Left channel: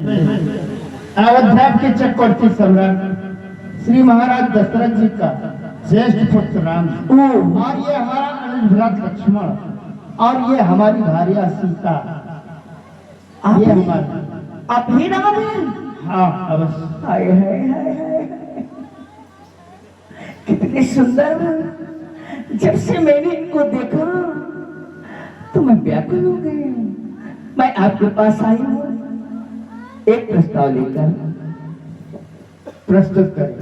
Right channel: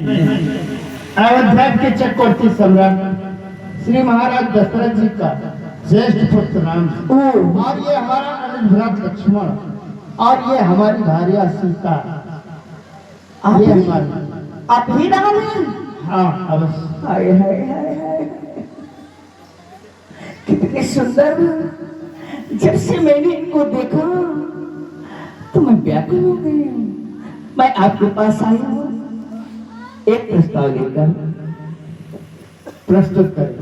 अयोध्या के चक्रवर्ती सम्राट श्री महाराज दशरथ जी का श्रेष्ठ पुत्र राम और ये हमारा अनुज लक्ष्मण और ये हमारी भार्या सीता। ये हमारी आप ही राम हैं? हाँ अवश्य। हाय हाय हाय हाय, कितने सुंदर। जब से मैंने इनको देखा तो मैं व्याकुल हो गई हूँ। मैं आपके पास आई हूँ एक प्रस्ताव लेकर। प्रस्तुत करें।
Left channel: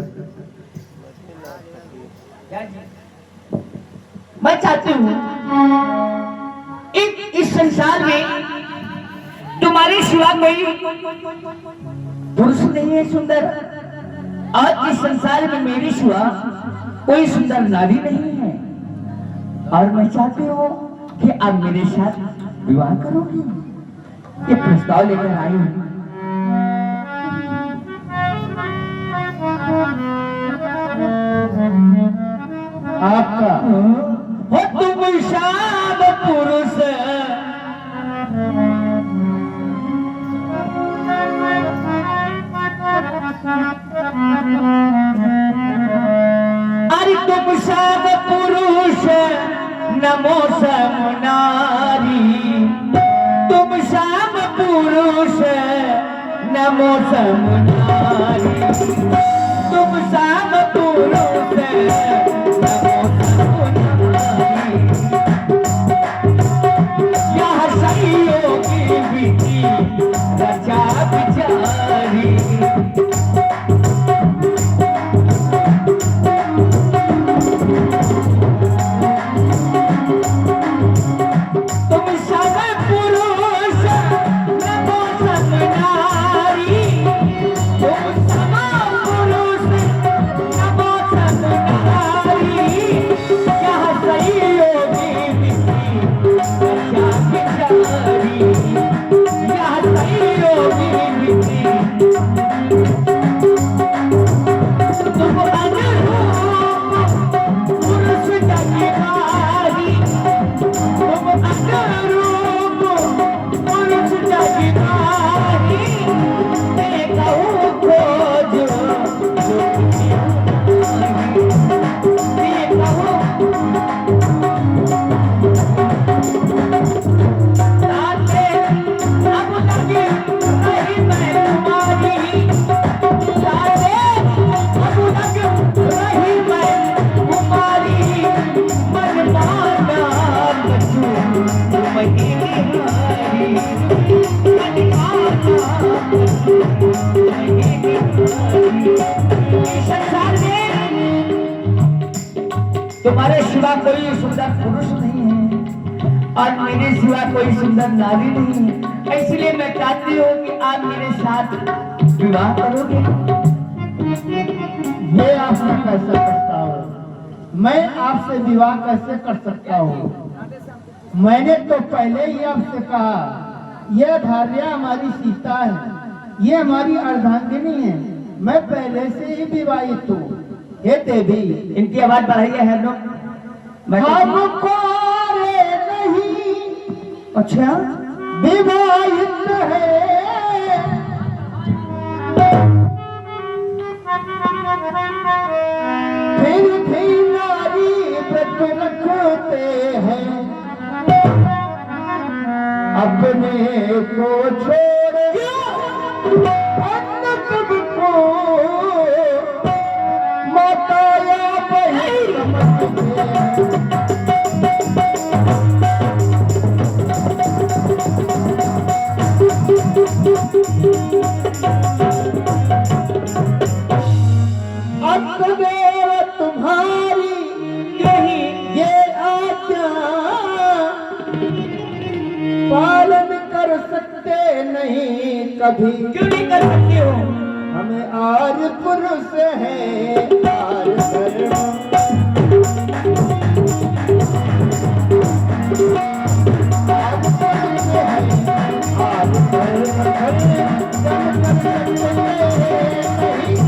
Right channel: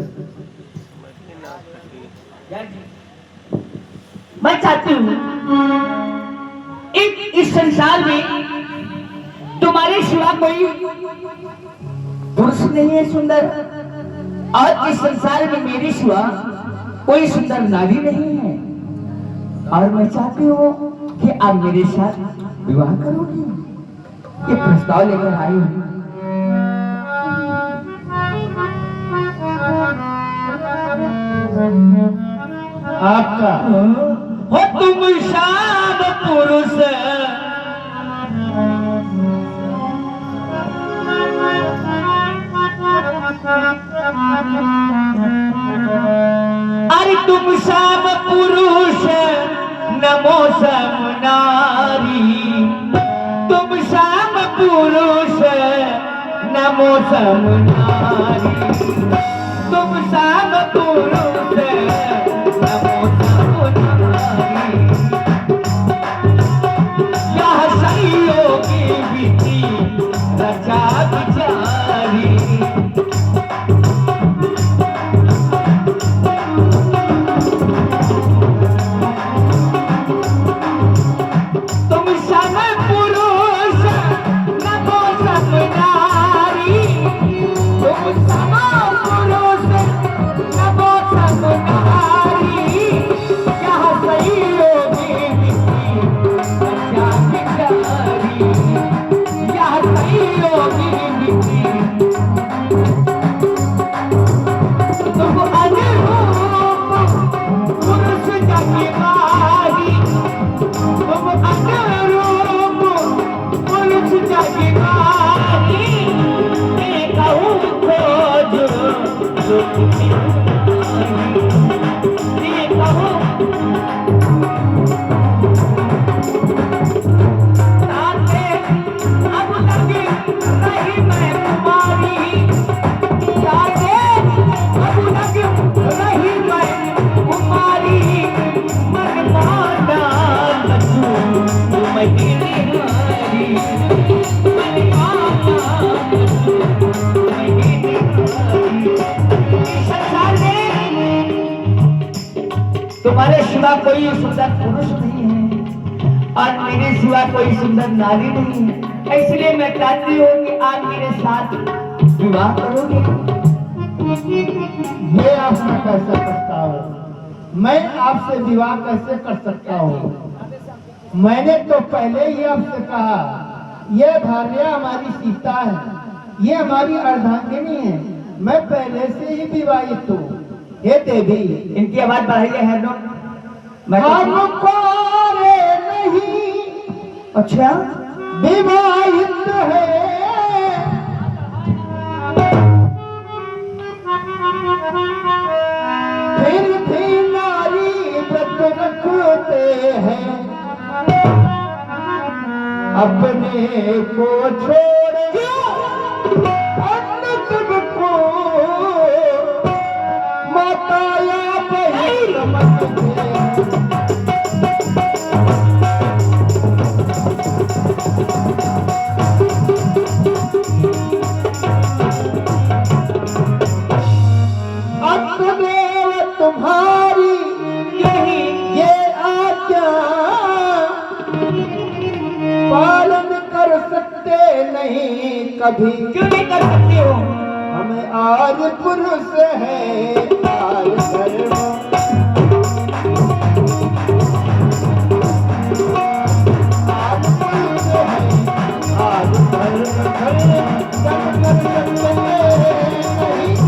मैं चाहती हूँ इस संसार में तुम्हारे सिवा कोई पुरुष नहीं है सुंदर, और इस संसार में मेरे सिवा कोई सुंदर नारी नहीं है। और मैं चाहती हूँ कि आप मेरे साथ विवाह करोगे। ये प्रस्ताव लेकर आई हूँ। आपका हो तुम शाम पुरुष अरे तुम शाम पुरुष नमो सम नारी। तुम शाम पुरुष नमो सम नारी। तुम शाम पुरुष नमो सम नारी। यह सखियों की विधि रचा विचारी। तुम्हारे सिवा कोई सुंदर पुरुष नहीं है और मेरे सिवा कोई सुंदर नारी नहीं है। इसलिए मैं चाहती हूँ कि आप मेरे साथ विवाह करोगे। ये आपका कैसे प्रस्ताव है? मैं आपसे विवाह कैसे कर सकता हूँ? मैंने तो पहले ही आपसे कहा यह भार्या हमारी सीता है, ये हमारी अर्धांगिनी है। मैं पहले से ही विवाहित हूँ। हे देवी, इनकी आवाज बढ़ाइए है लोग। हमको नहीं अच्छा विवाहित है, फिर भी नारी व्रत रखते हैं, अपने को छोड़ अन्य सबको माता या बहन समझते हैं। सदैव तुम्हारी यही ये आज्ञा पालन कर सकते नहीं कभी। क्यों नहीं कर सकते हो? हमें आज पुरुष है आज धर्म, आज पुरुष है आज धर्म नहीं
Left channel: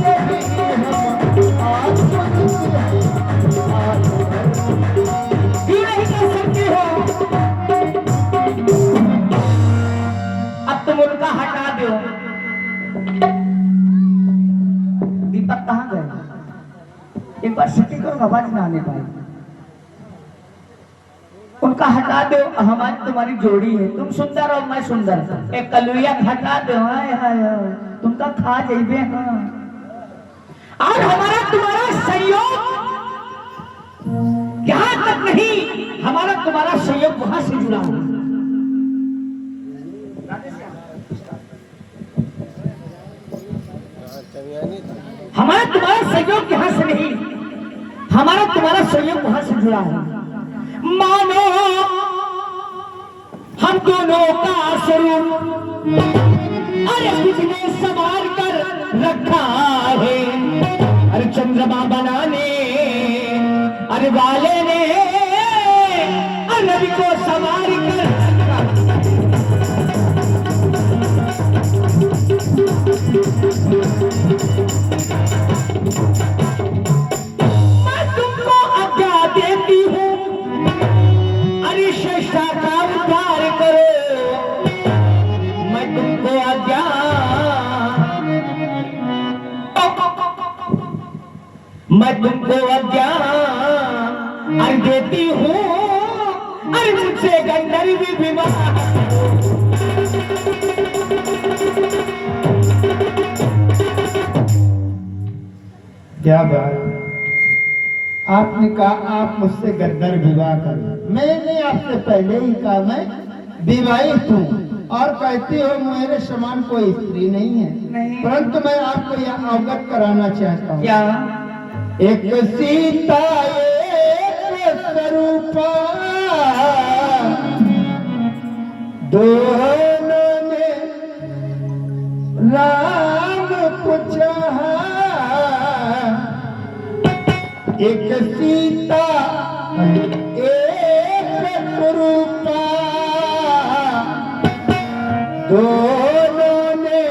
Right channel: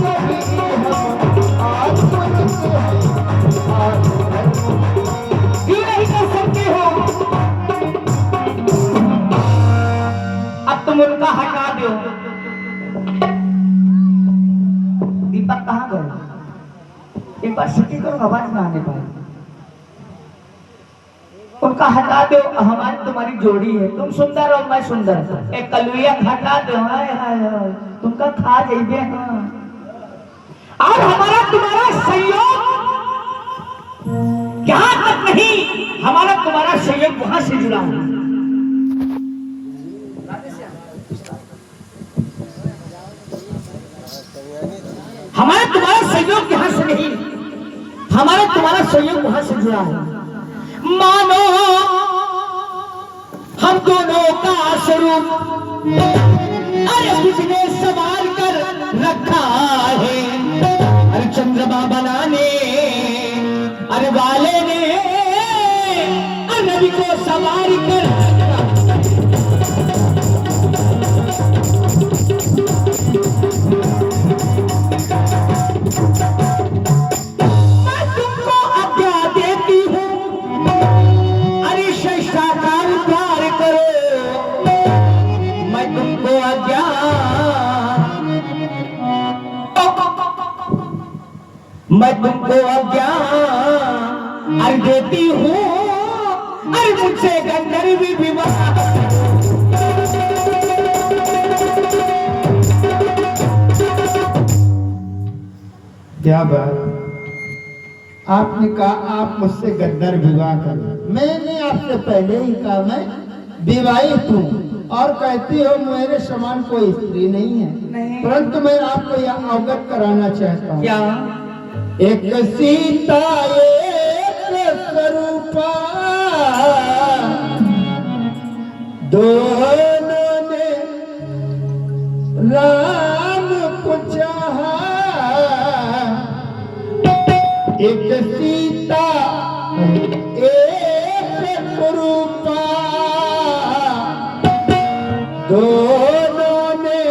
कभी हम आज पुरुष है आज धर्म। क्यों नहीं कर सकते हो? अब तुम उनका हटा दो पास सटी को आवाज ना आने पाए, उनका हटा दो। हमारी तुम्हारी जोड़ी है, तुम सुंदर और मैं सुंदर, एक कलुया हटा दो। हाय हाय हाय, तुमका खा जाइबे। हाँ, और हमारा तुम्हारा संयोग यहाँ तक नहीं, हमारा तुम्हारा संयोग वहां से जुड़ा हुआ। हमारा तुम्हारा संयोग यहाँ से नहीं, हमारा तुम्हारा संयोग वहां से जुड़ा है। मानो हम दोनों का स्वरूप अरे किसने संवार कर रखा है, अरे चंद्रमा बनाने अरे वाले ने नबी को संवार कर मैं तुमको अज्ञान देती हूँ, अरे मुझसे गंधर्वी विवाह। क्या बात, आपने कहा आप मुझसे गद्दार विवाह करें। मैंने आपसे पहले ही कहा मैं विवाहित हूँ, और कहती हो मेरे समान कोई स्त्री नहीं है। नहीं। परंतु मैं आपको यह अवगत कराना चाहता हूँ, क्या एक सीता एक स्वरूपा, दोनों ने राम को चाहा। एक सीता एक स्वरूपा, दोनों ने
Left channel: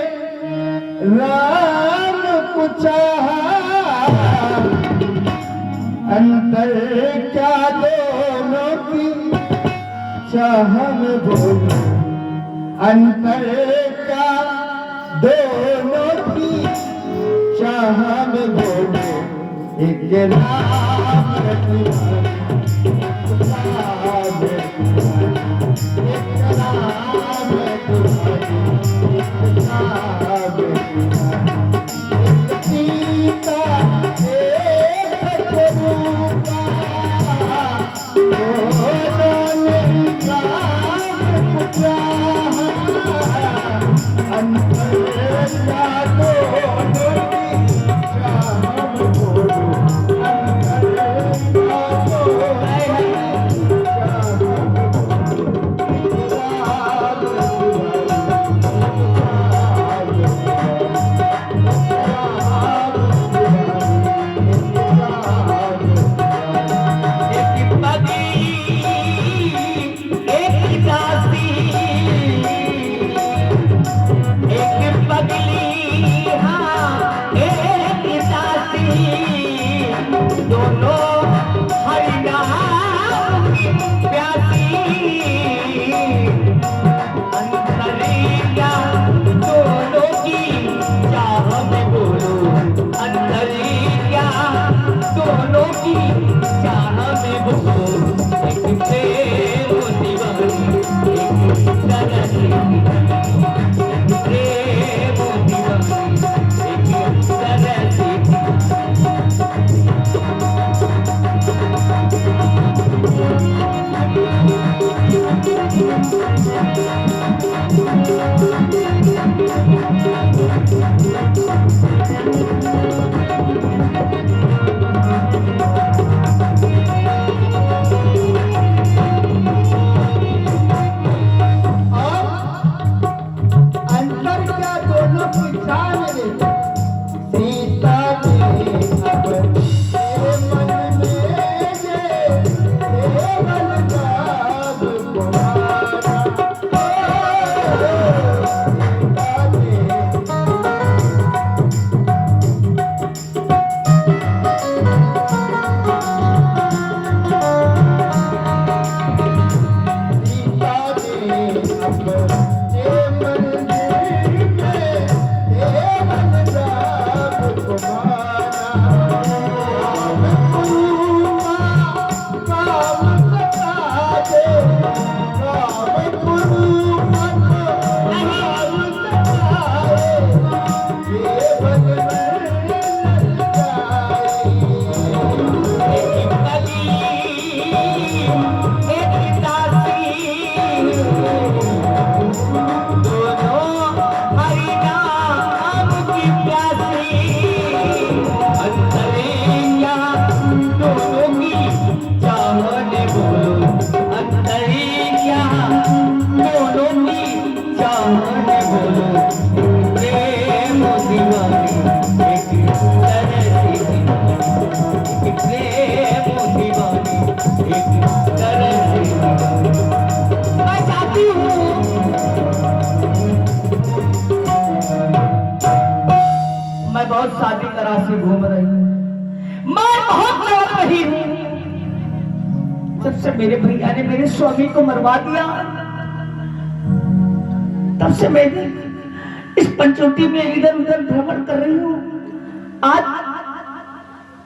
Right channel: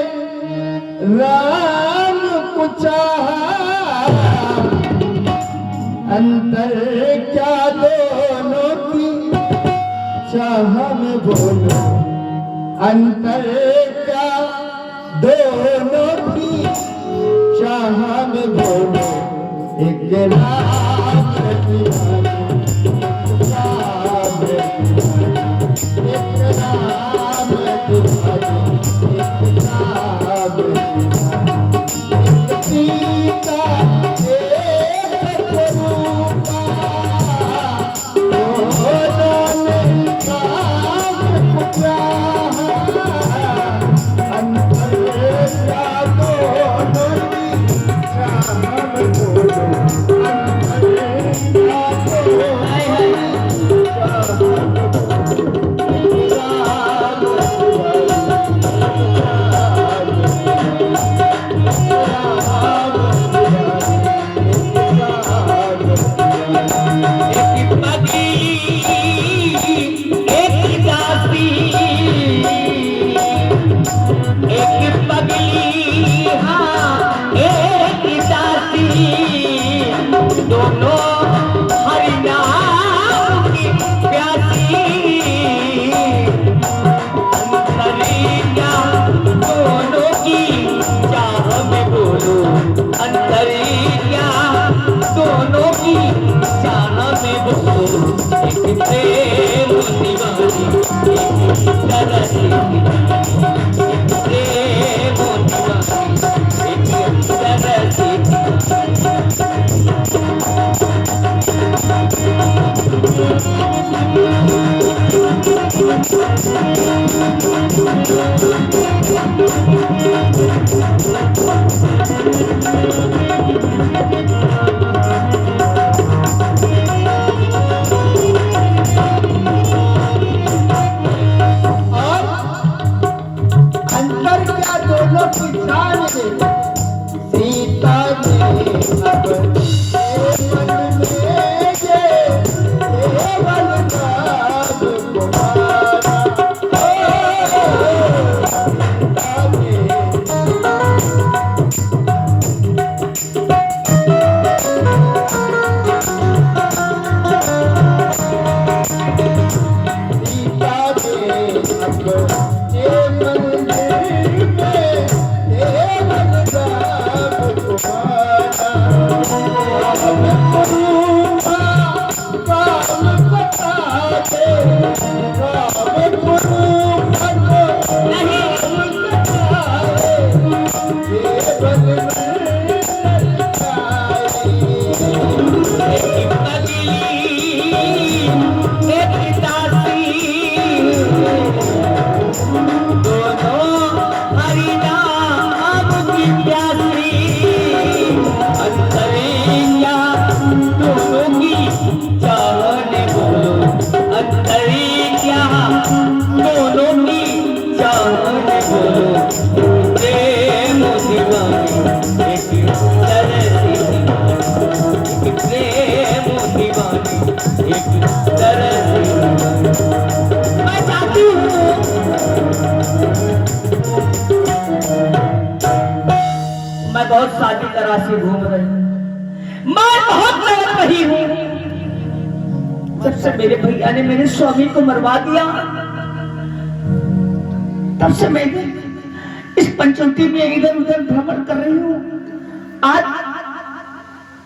राम को चाहा। अंतर क्या दोनों की चाह में बोलो, अंतर क्या दोनों की चाह में बोलो। एक राम बहुत सादी तरह से घूम रही हूँ, मैं बहुत तड़प रही हूँ। जब से मेरे भैया ने मेरे स्वामी को मरवा दिया, तब से मैं इस पंचवटी में इधर उधर भ्रमण कर रही हूँ। आज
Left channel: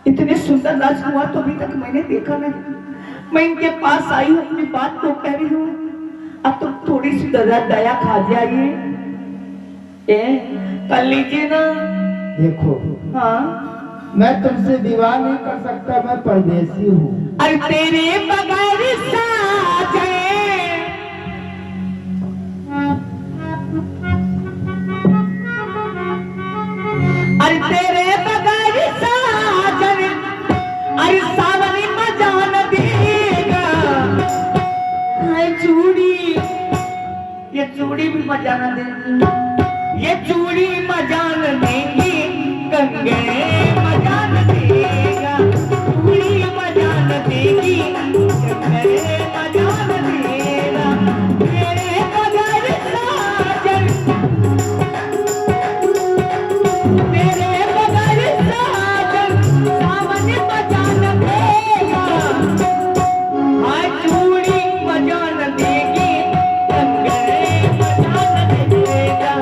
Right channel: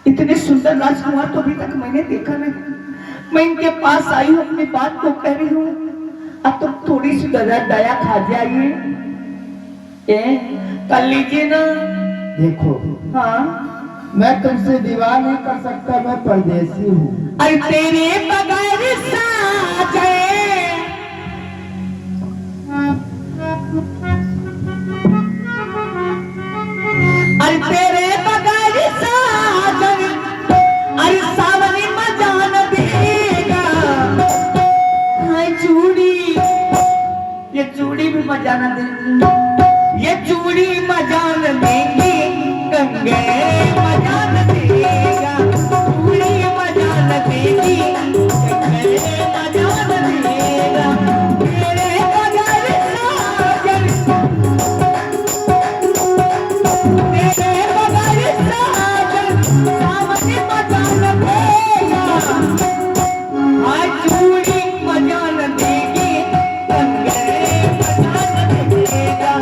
इतने सुंदर राजकुमार तो अभी तक मैंने देखा नहीं। मैं इनके पास आई हूँ, अपनी बात को कह रही हूँ। अब तो थोड़ी सी दया खा जाइए, कर लीजिए ना। देखो, हाँ, मैं तुमसे विवाह नहीं कर सकता, मैं परदेसी हूँ। अरे तेरे बगैर साजन, अरे तेरे बगैर साजन, अरे सावनी मजा न देगा। चूड़ी, ये चूड़ी भी मजा न देगी, ये चूड़ी मजा न देगी, कंगे मजा न देगा, चूड़ी मजा न देगी, कंगे मजा न देगा। तेरे बगैर साजन, तेरे बगैर साजन, सावन मजा न देगा। हाँ, चूड़ी मजा न देगी, कंगे मजा न देगा,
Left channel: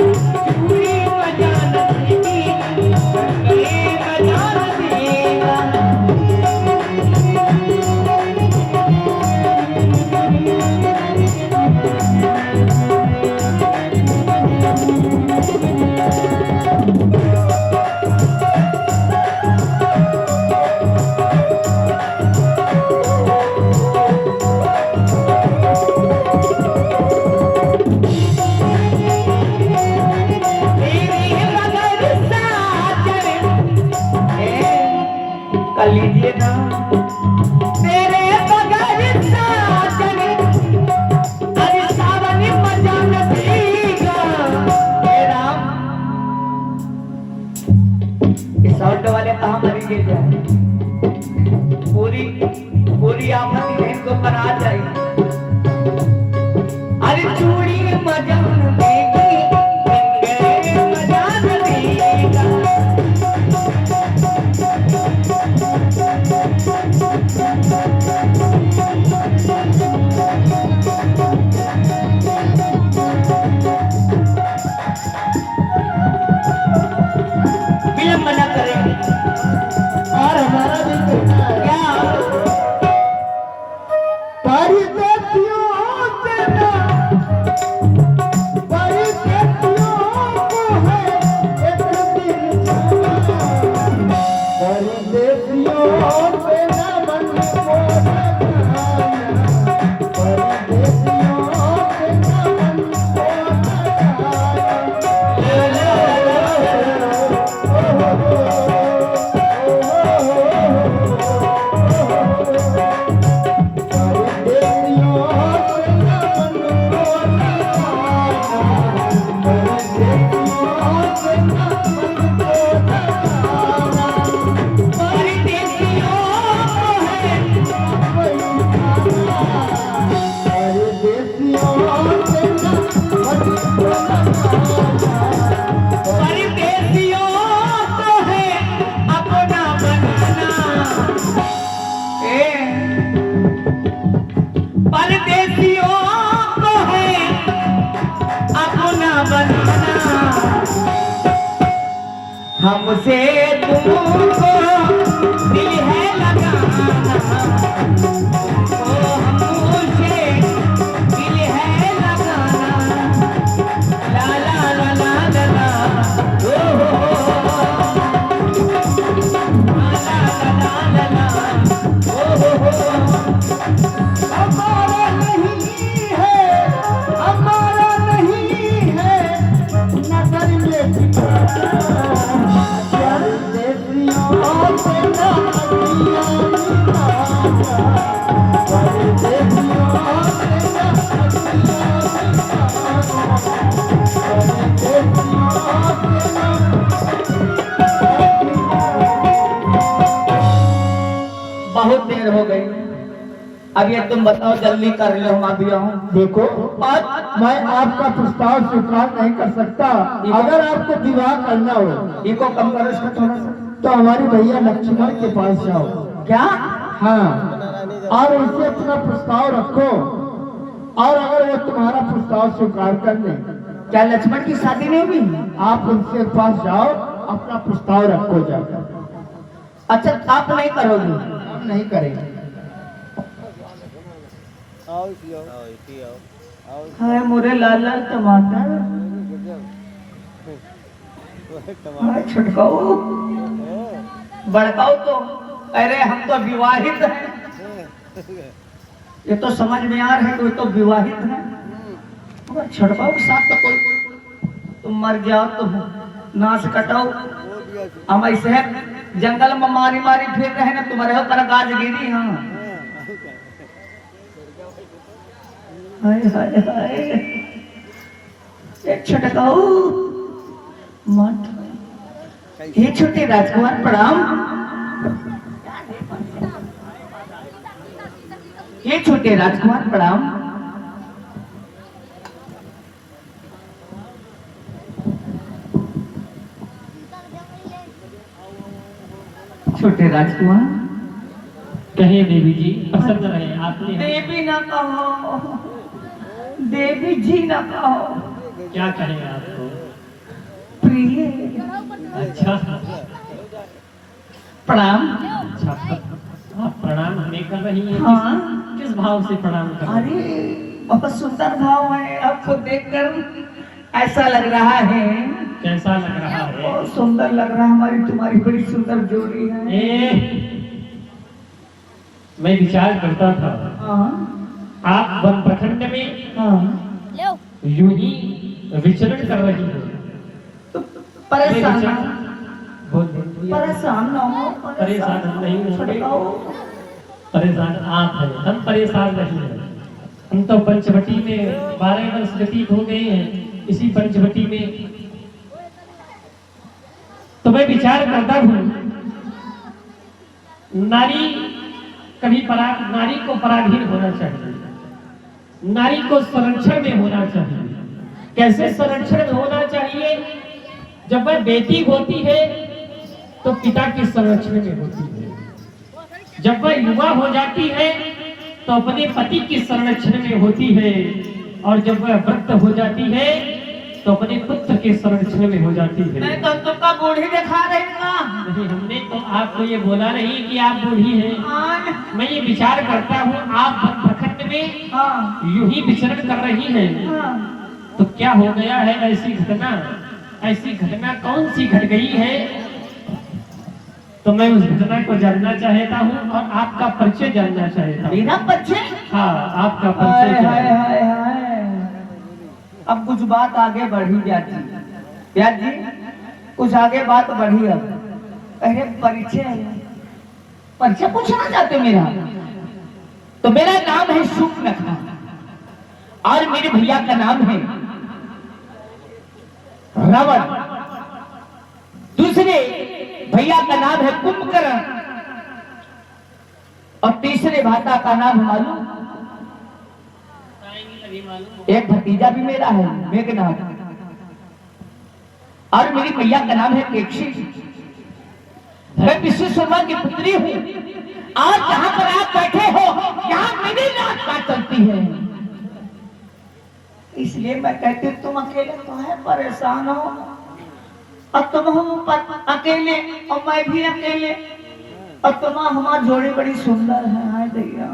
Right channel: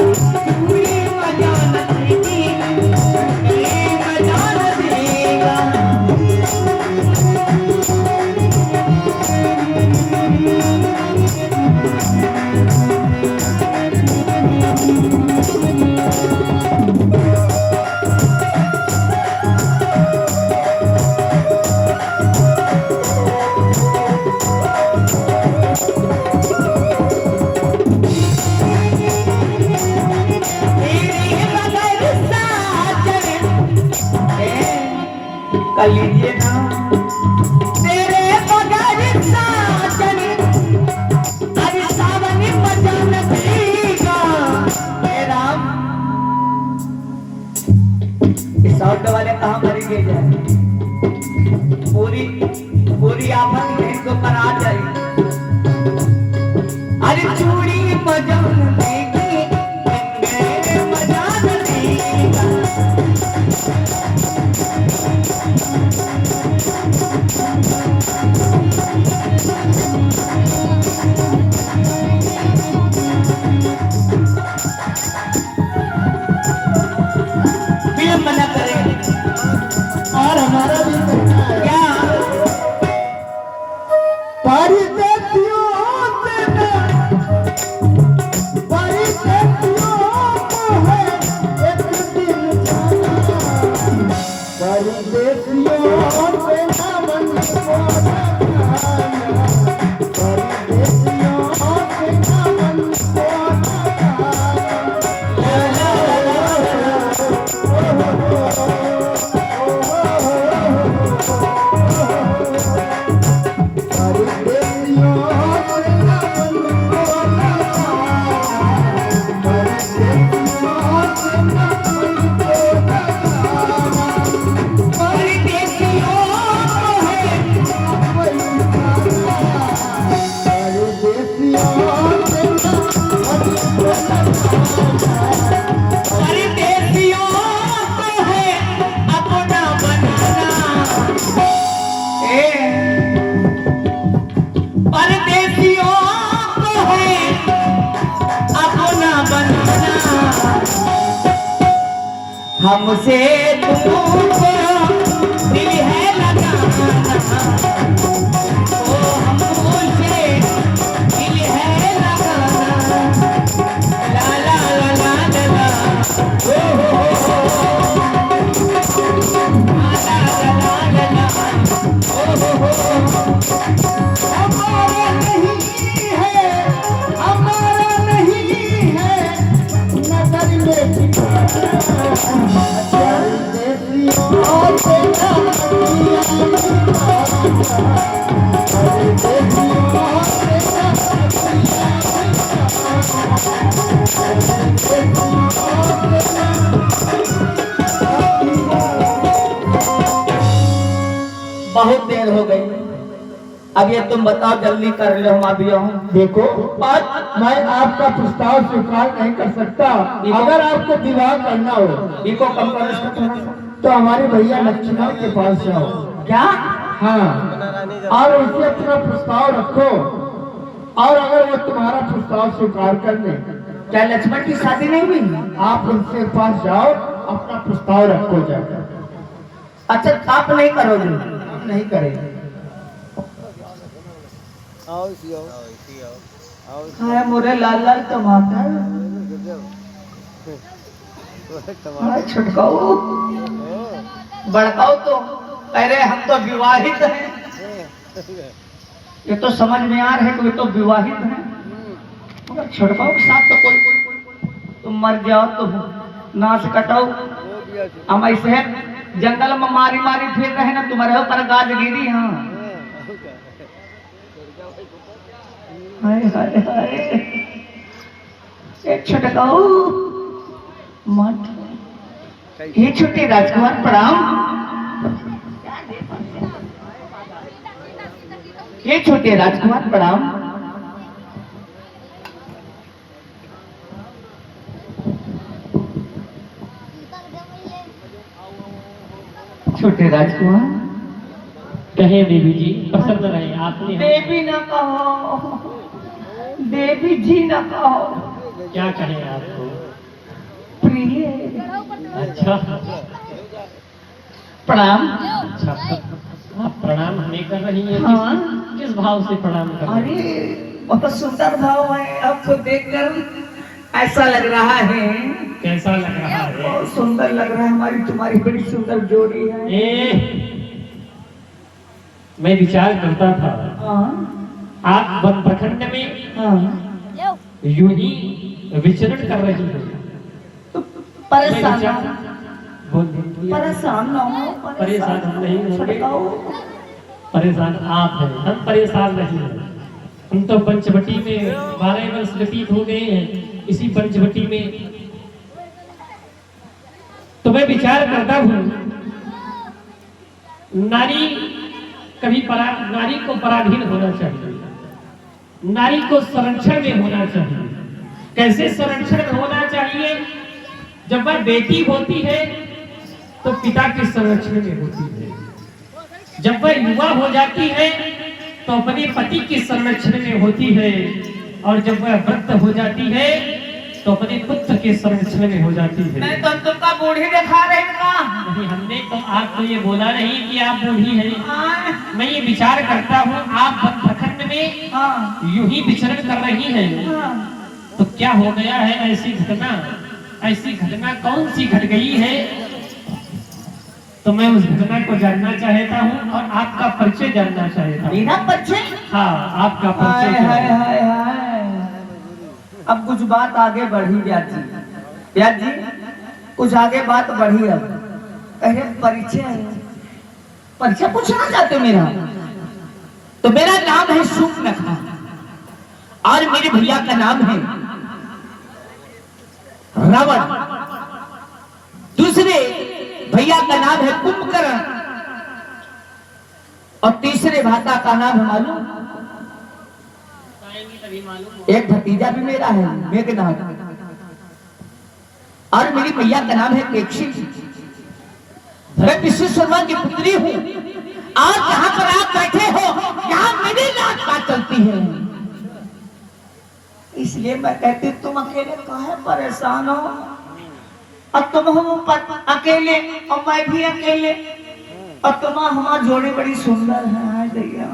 चूड़ी मजा न देगी, कंगे मजा न देगा। तेरे बगैर साजन, कर लीजिए ना। तेरे बगैर साजन, अरे सावन मजा न देगा। हे राम, इस ऑटो वाले कहाँ मरी गई है? पूरी पूरी आफत बहन को पर आ जाए। अरे चूड़ी मजा न देगी, कंगे मजा न देगा। विलंब न करें, और हमारा भी कहना है, क्या परदेसियों से ना, परदेसियों को है एक दिन जाना। परदेसियों से ना मन को लगाना, परदेसियों से ना मन को परदेसियों को है अपना बनाना। परदेसियों को है अपना बनाना। हमसे तुमको दिल है लगाना, तो हमसे दिल है लगाना। ला ला ला ला ला ला, ओ हो ला ला ला ला ला, ओ हो। हमारा नहीं है, हमारा नहीं है, नगर में ठिकाना। बहुत देर हो गई, अब ये तुम बताओ जल्दी कर लो, हम अभी आऊं। देखो और मैं आपका प्रस्ताव स्वीकार नहीं कर सकता। अगर आपको विवाह करना हो इको कम करो इसको थोड़ा सा। तो हमारे भैया लक्ष्मण के पास जाओ। क्या? हाँ, और उनसे अपना प्रस्ताव रखो, और अगर वो तुम्हारा प्रस्ताव स्वीकार कर ले, क्या लक्ष्मण की शादी नहीं हुई? आप उनसे पास जाओ, अपना प्रस्ताव रखो जाकर। अच्छा आप नहीं करोगे? आप नहीं करेंगे। हाय मोरे लाल लाल टमाटर, हाय छुटकाओ बड़काओ तो, अरे हम तो विवाहित हैं। ये तो समझ में आ रहा है कि वो तो विवाहित है, मगर छुटकाओ के साथ तो कोई, तुम मर जाओ तो नाश कटाओ। हम ऐसे जंगल में मारी मारी फिर रहे ना, तुम्हारे ऊपर गाज गिरी। हाँ हाय हाय हाय, एक छटकाओ मत। हे छोटे राजकुमार प्रणाम। हे छोटे राजकुमार प्रणाम। छोटे राजकुमार कहे देवी जी, पसंद रहे आपने। देवी ना कहो, देवी जी ना कहो, क्या कहें आपको? प्रिय। अच्छा प्रणाम। अच्छा, आप प्रणाम हमें कर रही हैं? हाँ। किस भाव से प्रणाम कर रही हैं? अरे बहुत सुंदर भाव है, आपको देखकर ऐसा लग रहा है। कैसा लग रहा है? बहुत सुंदर लग रहा है, हमारी तुम्हारी बड़ी सुंदर जोड़ी है। मैं विचार करता था, हाँ आप वन प्रखंड में हाँ, यूं ही विचरण कर रही हैं। तो परेशान ना हो, बोल रही हैं। परेशान ना हो, परेशान हम नहीं होंगे। छटकाओ। परेशान आप हैं, हम परेशान नहीं हैं। हम तो पंचवटी में 12 वर्ष व्यतीत हो गए हैं, इसी पंचवटी में। तो मैं विचार करता हूँ, नारी कभी नारी को पराधीन होना चाहिए, नारी को संरक्षण में होना चाहिए। कैसे संरक्षण में होना चाहिए? जब वह बेटी होती है तो पिता के संरक्षण में होती है, जब वह युवा हो जाती है तो अपने पति के संरक्षण में होती है, और जब वह वृद्ध हो जाती है तो अपने पुत्र के संरक्षण में हो जाती है। मैं तो तुमका बूढ़ी दिखा रही का? नहीं, हमने तो आपको ये बोला नहीं कि आप बूढ़ी हैं। मैं ये विचार करता हूँ, आप वन प्रखंड में हाँ यूं ही विचरण कर रही हैं, हाँ। तो क्या हो गया है? ऐसी घटना कौन सी घट गई है? तो मैं उस घटना को जानना चाहता हूँ और आपका परिचय जानना चाहता हूँ। मेरा परिचय? हाँ, आपका हाय परिचय क्या हाय है? हाय हाय, अब कुछ बात आगे बढ़ी ब्याज जी। ब्याज जी कुछ आगे बात बढ़ी। अब अरे परिचय पूछना चाहते मेरा? तो मेरा नाम है शूर्पणखा, और मेरे भैया का नाम है रावण, दूसरे भैया का नाम है कुंभकर्ण, और तीसरे भाता का नाम है मालूम? एक भतीजा भी मेरा है मेघनाथ, और मेरी मैया का नाम है केक्षी। मैं विश्वेश्वरमा की पुत्री हूँ। आज जहाँ पर आप बैठे हो, यहाँ मेरी बात चलती है। इसलिए मैं कहती तुम अकेले काहे परेशान हो? अब तुम हो अकेले और मैं भी अकेले, और तुम हमारी जोड़ी बड़ी सुंदर है। हाय दैया,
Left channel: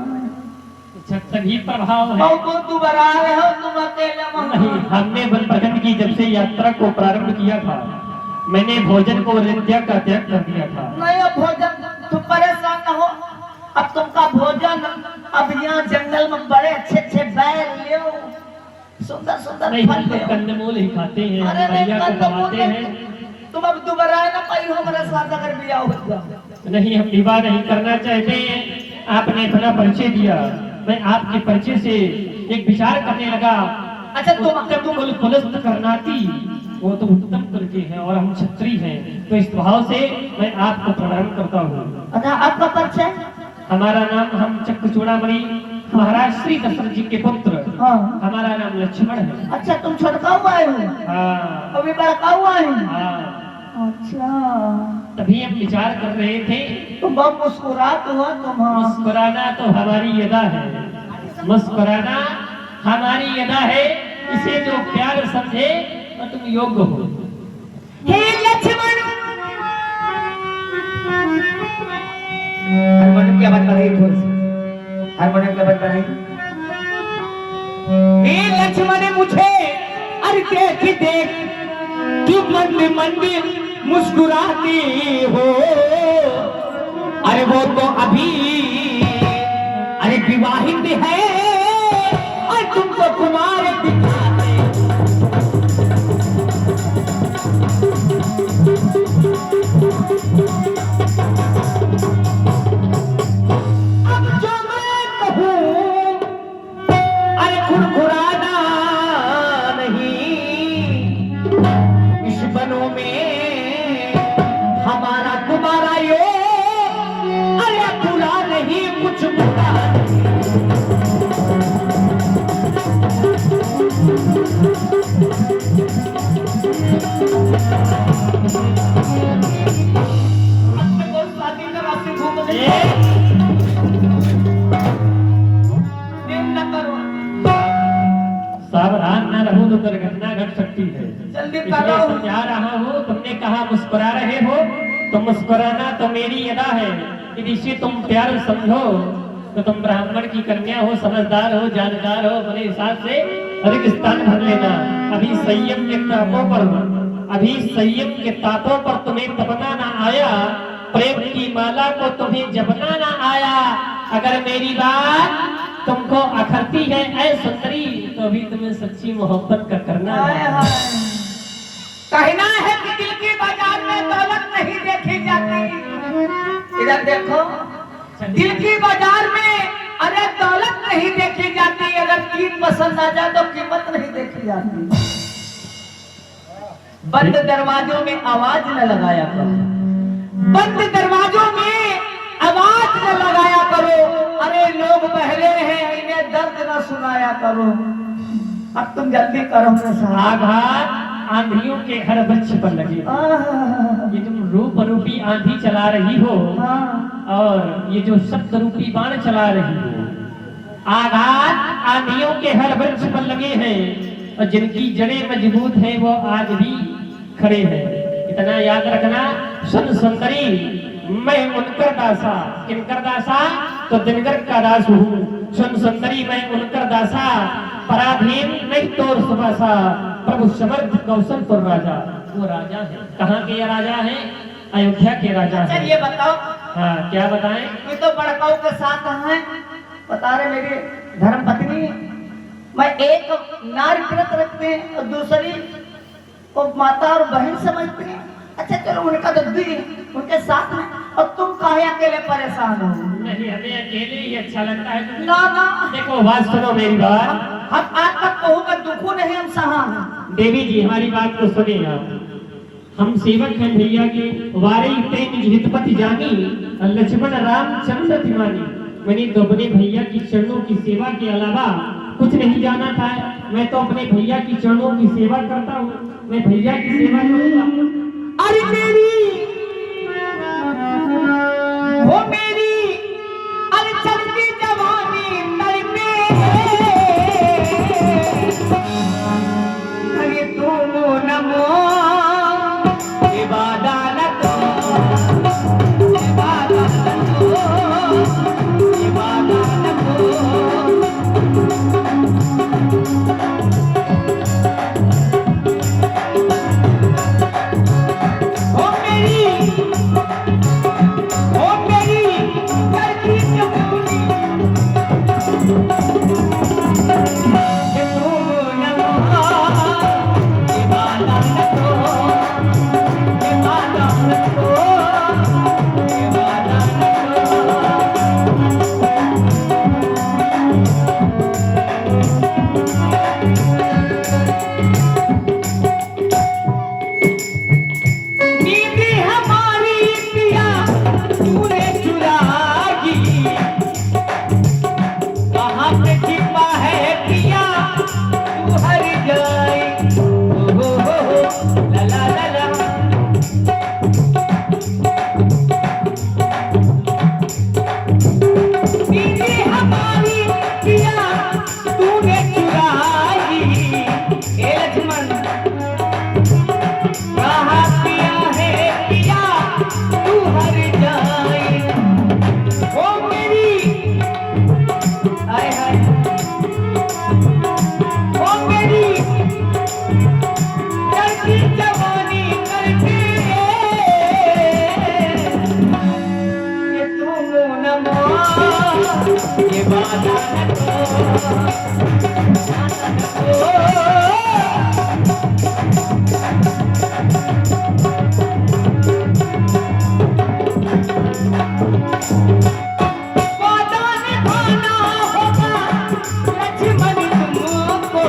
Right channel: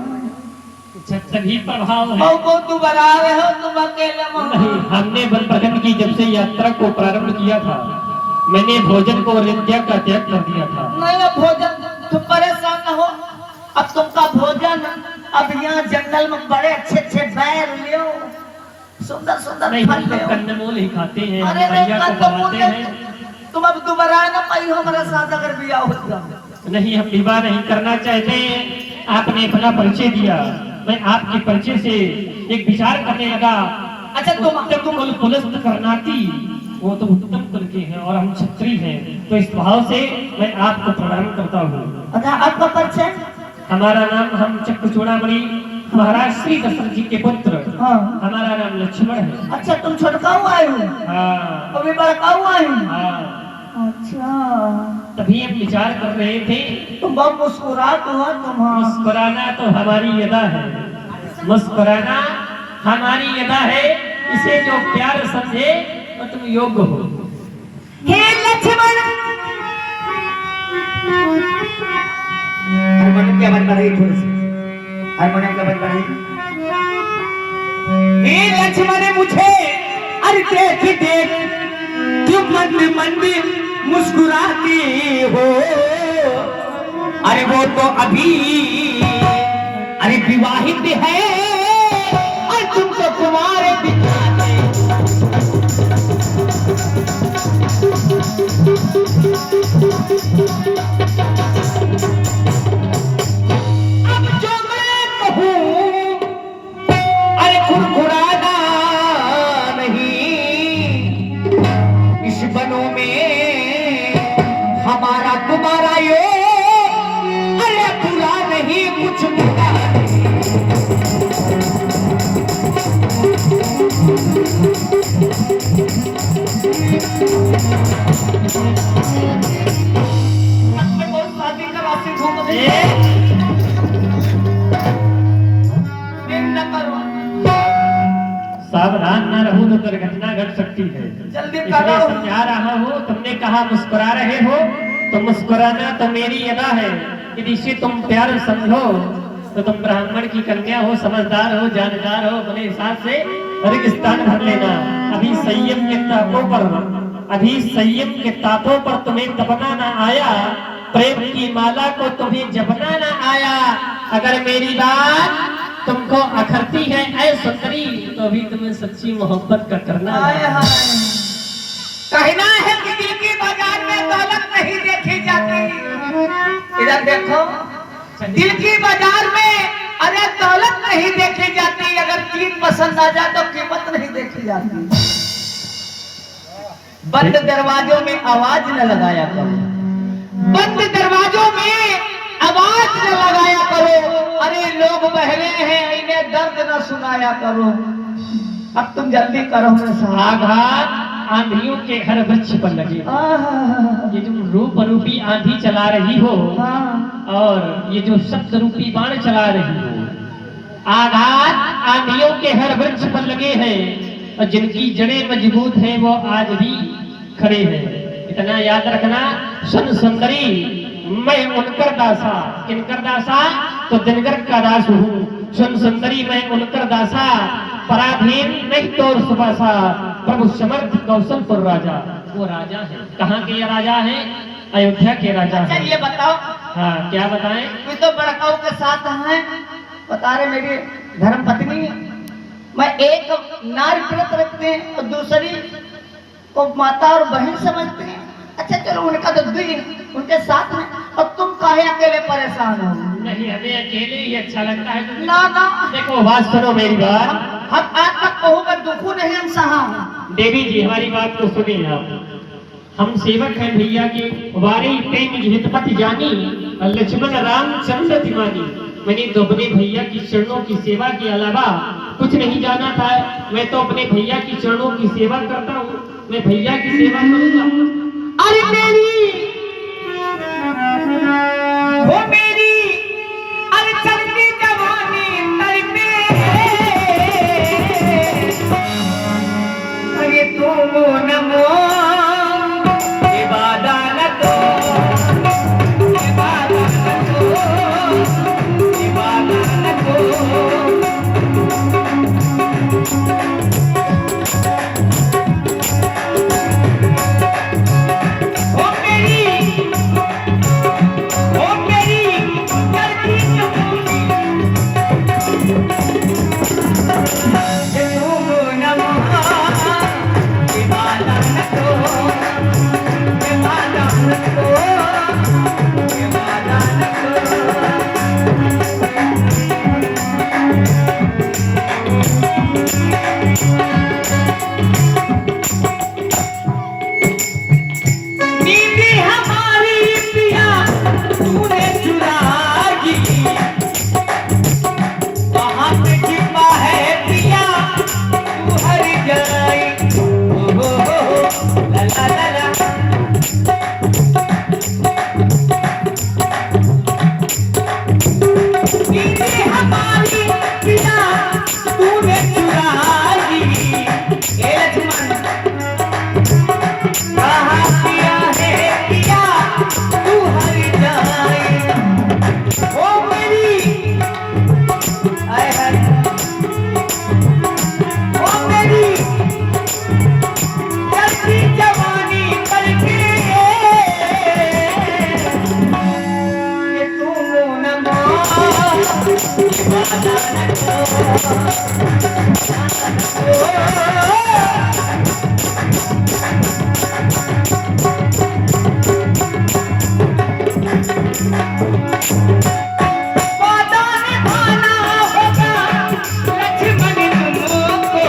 तभी प्रभाव है। को तू बना रहे हो, तुम अकेले नहीं, हमने वन प्रखंड की जब से यात्रा को प्रारंभ किया था, मैंने भोजन को त्याग का त्याग कर दिया था। नहीं, अब भोजन तुम परेशान न हो। अब तुमका भोजन, अब यहाँ जंगल में बड़े अच्छे अच्छे बैर ले, सुंदर सुंदर नहीं, फल हम ले। तो कंदमूल ही खाते हैं, अरे हम भैया को खवाते हैं। तुम अब दोबारा न पाई हमारे साथ अगर बिया होगा। नहीं, हम विवाह नहीं करना चाहते। आपने अपना परिचय दिया, मैं आपके परिचय से एक विचार करने लगा। अच्छा तुम पुलस्त करनाती, वो तो उत्तम कुल के हैं और हम क्षत्रिय हैं, तो इस भाव से मैं आपको प्रणाम करता हूँ। अच्छा आपका परिचय? हमारा नाम, हम चक्रचूड़ामणि महाराज श्री दशरथ जी के पुत्र, हाँ। हमारा नाम लक्ष्मण है। अच्छा, तुम छोटका हुआ है, हाँ अभी बड़का हुआ है। हाँ। अच्छा, तभी हम विचार कर रहे थे, तुम बहुत मुस्कुरात हुआ तुम। मुस्कुराना तो हमारी अदा है, मुस्कुराना हमारी अदा है। इसे जो प्यार समझे तो तुम योग्य हो। हे लक्ष्मण, हारमोनियम की आवाज बढ़ाइए थोड़ी सी, हारमोनियम की आवाज बढ़ाइए। हे लक्ष्मण, मुझे अरे देख देख क्यों मंद मंद मुस्कुराती हो। अरे वो तो अभी अरे विवाहित है और तुम तो कुमार पिता है। अब जो मैं कहूँ अरे खुरखुराना नहीं, इस बनों में हमारा तुम्हारा यो अरे बुरा नहीं, कुछ बुरा सावधान न रहूं तो दुर्घटना घट सकती है। जल्दी इसलिए करो। समझा रहा हूँ, तुमने कहा मुस्कुरा रहे हो तो मुस्कुराना तो मेरी अदा है। यदि इसे तुम प्यार समझो तो तुम ब्राह्मण की कन्या हो, समझदार हो, जानकार हो, अपने हिसाब से हर स्थान भर लेना। अभी संयम के तापों पर, अभी संयम के तापों पर तुम्हें तपना ना आया, प्रेम की माला को तुम्हें जपना ना आया। अगर मेरी बात तुमको अखरती है ऐ सुंदरी, तो अभी तुम्हें सच्ची मोहब्बत का करना है। कहना है कि दिल की बाजार में दौलत नहीं देखी जाती। इधर देखो, दिल की बाजार में अरे दौलत नहीं देखी जाती, अगर चीज पसंद आ जाए तो कीमत नहीं देखी जाती। बंद दरवाजों में आवाज न लगाया करो, बंद दरवाजों में आवाज न लगाया करो। अरे लोग बहरे हैं, इन्हें दर्द न सुनाया करो। अब तुम जल्दी करो मेरे साथ। आघात आंधियों के हर वृक्ष पर लगे। ये तुम रूप रूपी आंधी चला रही हो और ये जो शब्द रूपी बाण चला रही हो, आघात आंधियों के हर वृक्ष पर लगे हैं और जिनकी जड़ें मजबूत हैं वो आज भी खड़े हैं। इतना याद रखना, सुन सुंदरी, मैं उनकर दासा, किनकर दासा? तो दिनकर का दास हूँ। सुन सुंदरी, मैं उनकर दासा, पराधीन नहीं तोर सुबासा, प्रभु समर्थ कौशलपुर राजा। वो राजा है, कहाँ के ये राजा है? अयोध्या के राजा है। ये बताओ। हाँ, क्या बताएं? ये तो बड़काऊ के साथ हैं, बता रहे मेरी धर्म पत्नी, मैं एक नारी व्रत रखते हैं और दूसरी को माता और बहन समझती हैं। अच्छा चलो, उनका तो दुई उनके साथ में, और तुम काहे अकेले परेशान हो? नहीं, हमें अकेले ही अच्छा लगता है। ना ना, देखो बात सुनो मेरी बात। हम आज तक कहूँगा दुखू नहीं हम सहा। देवी जी, हमारी बात को सुने आप। हम सेवक हैं भैया के, वारी तेज हितपति जानी, लक्ष्मण रामचंद्र तिवारी। मैंने तो अपने भैया की चरणों की सेवा के अलावा कुछ नहीं जाना था। मैं तो अपने भैया की चरणों की सेवा करता हूँ, मैं भैया की सेवा करूंगा। अरे मेरी वो मेरी अरे चलती जवानी तड़पे, अरे तुम नमो इबादत वादा निभाना होगा लक्ष्मण तुमको,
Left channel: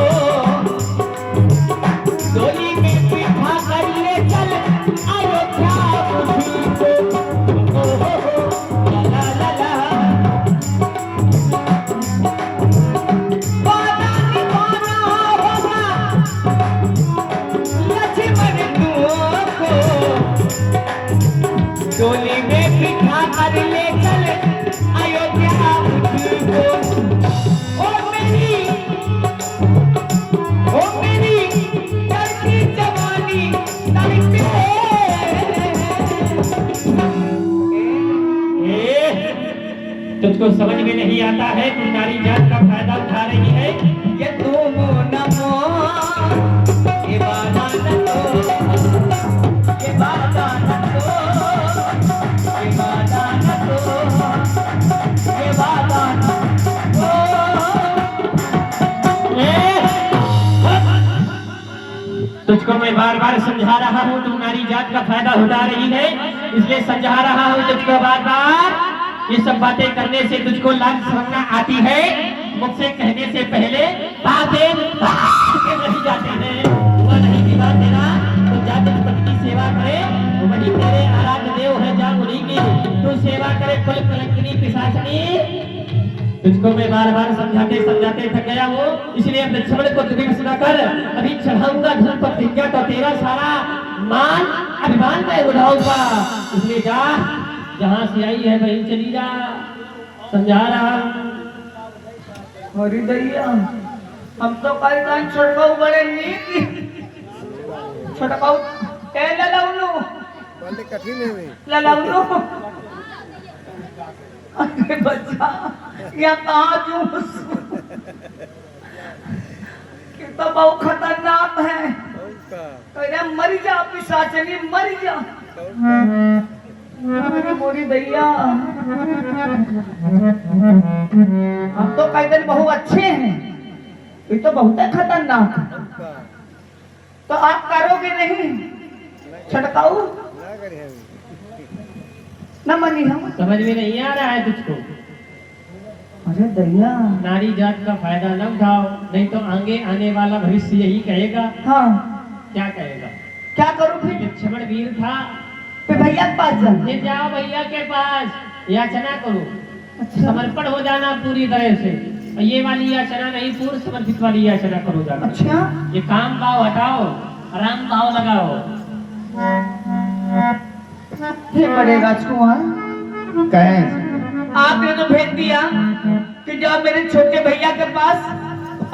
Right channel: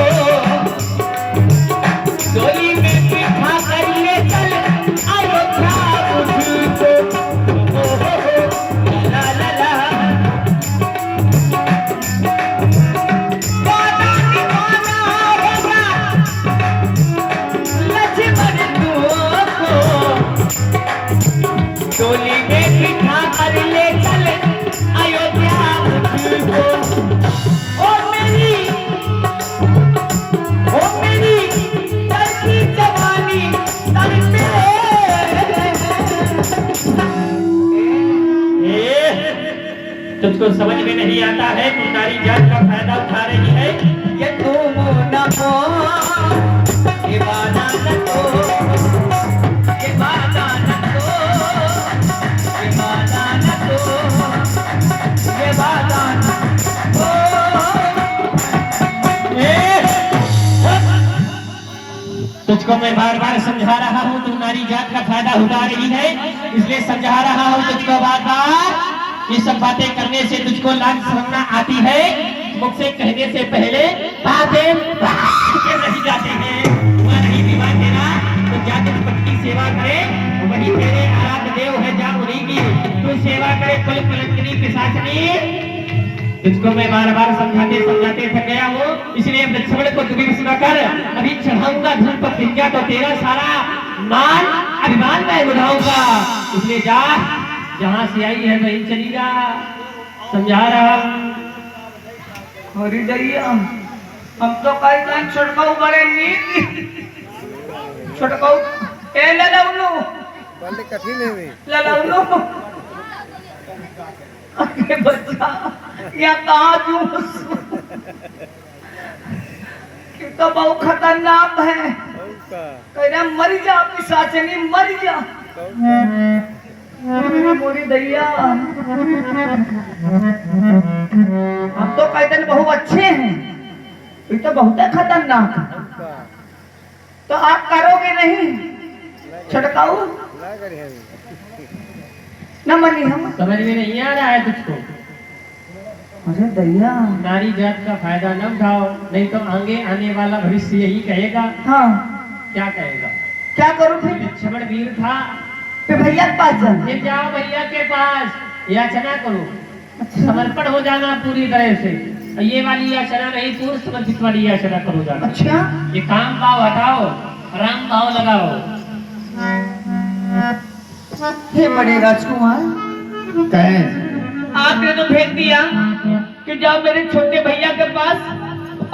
डोली में बिठा कर ले चल अयोध्या मुझको। ओ हो ला ला ला, वादा निभाना होगा लक्ष्मण तुमको, डोली में बिठा कर ले चल अयोध्या मुझको। ओ मेरी करती जवानी तन पे, तुझको समझ में नहीं आता है, तू नारी जात का फायदा उठा रही है। ये तुम नमो ये वादा न दो, ये वादा न दो, ये वादा न दो, ये वादा न दो। तुझको मैं बार बार समझा रहा हूँ, तू नारी जात का फायदा उठा रही है, इसलिए समझा रहा हूँ तुझको बार बार। ये सब बातें करने से तुझको लाज शर्म आती है, मुख से कहने से पहले बातें रही जाते हैं। हुआ नहीं विवाह तेरा तो जा तुझ पति की सेवा करे, वही तेरे आराध्य देव है, जा उन्हीं की तू सेवा करे। कुल कलंकिनी पिशाचनी, तुझको मैं बार बार समझाते समझाते थक गया हूँ, इसलिए लक्ष्मण को तुझे सुना कर अभी चढ़ाऊंगा धन पर प्रतिज्ञा, तो तेरा सारा मान अभिमान मैं उठाऊंगा। इसलिए जा, जहां से आई है वहीं चली जा, समझा रहा। अरे दैया, हम तो कई टाइम छुड़काऊ बड़े नीक छुड़काऊ ए ललाउनु पहले कठिन है वे ललाउनु। अरे बच्चा यहाँ कहाँ जूस कि तो बहुत खतरनाक है। कौका कह रहा मर जा पिशाचनी मर जा। कौका मोरी दैया, हम तो कई दिन बहुत अच्छे हैं, ये तो बहुत खतरनाक है। कौका तो आप करोगे नहीं छटकाऊ ना करे है न मरनी हम। समझ में नहीं आ रहा है तुझको? अरे दैया, नारी जात का फायदा न उठाओ, नहीं तो आगे आने वाला भविष्य यही कहेगा। हाँ क्या कहेगा? क्या करूँ फिर? लक्ष्मण वीर था, फिर भैया के पास जाना। ये जाओ भैया के पास, याचना करो, समर्पण हो जाना पूरी तरह से। और ये वाली याचना नहीं, पूर्ण समर्पित वाली याचना करो जाना। अच्छा ये काम भाव हटाओ, राम भाव लगाओ। हे बड़े राजकुमार, कहें आपने तो भेज दिया कि जाओ मेरे छोटे भैया के पास,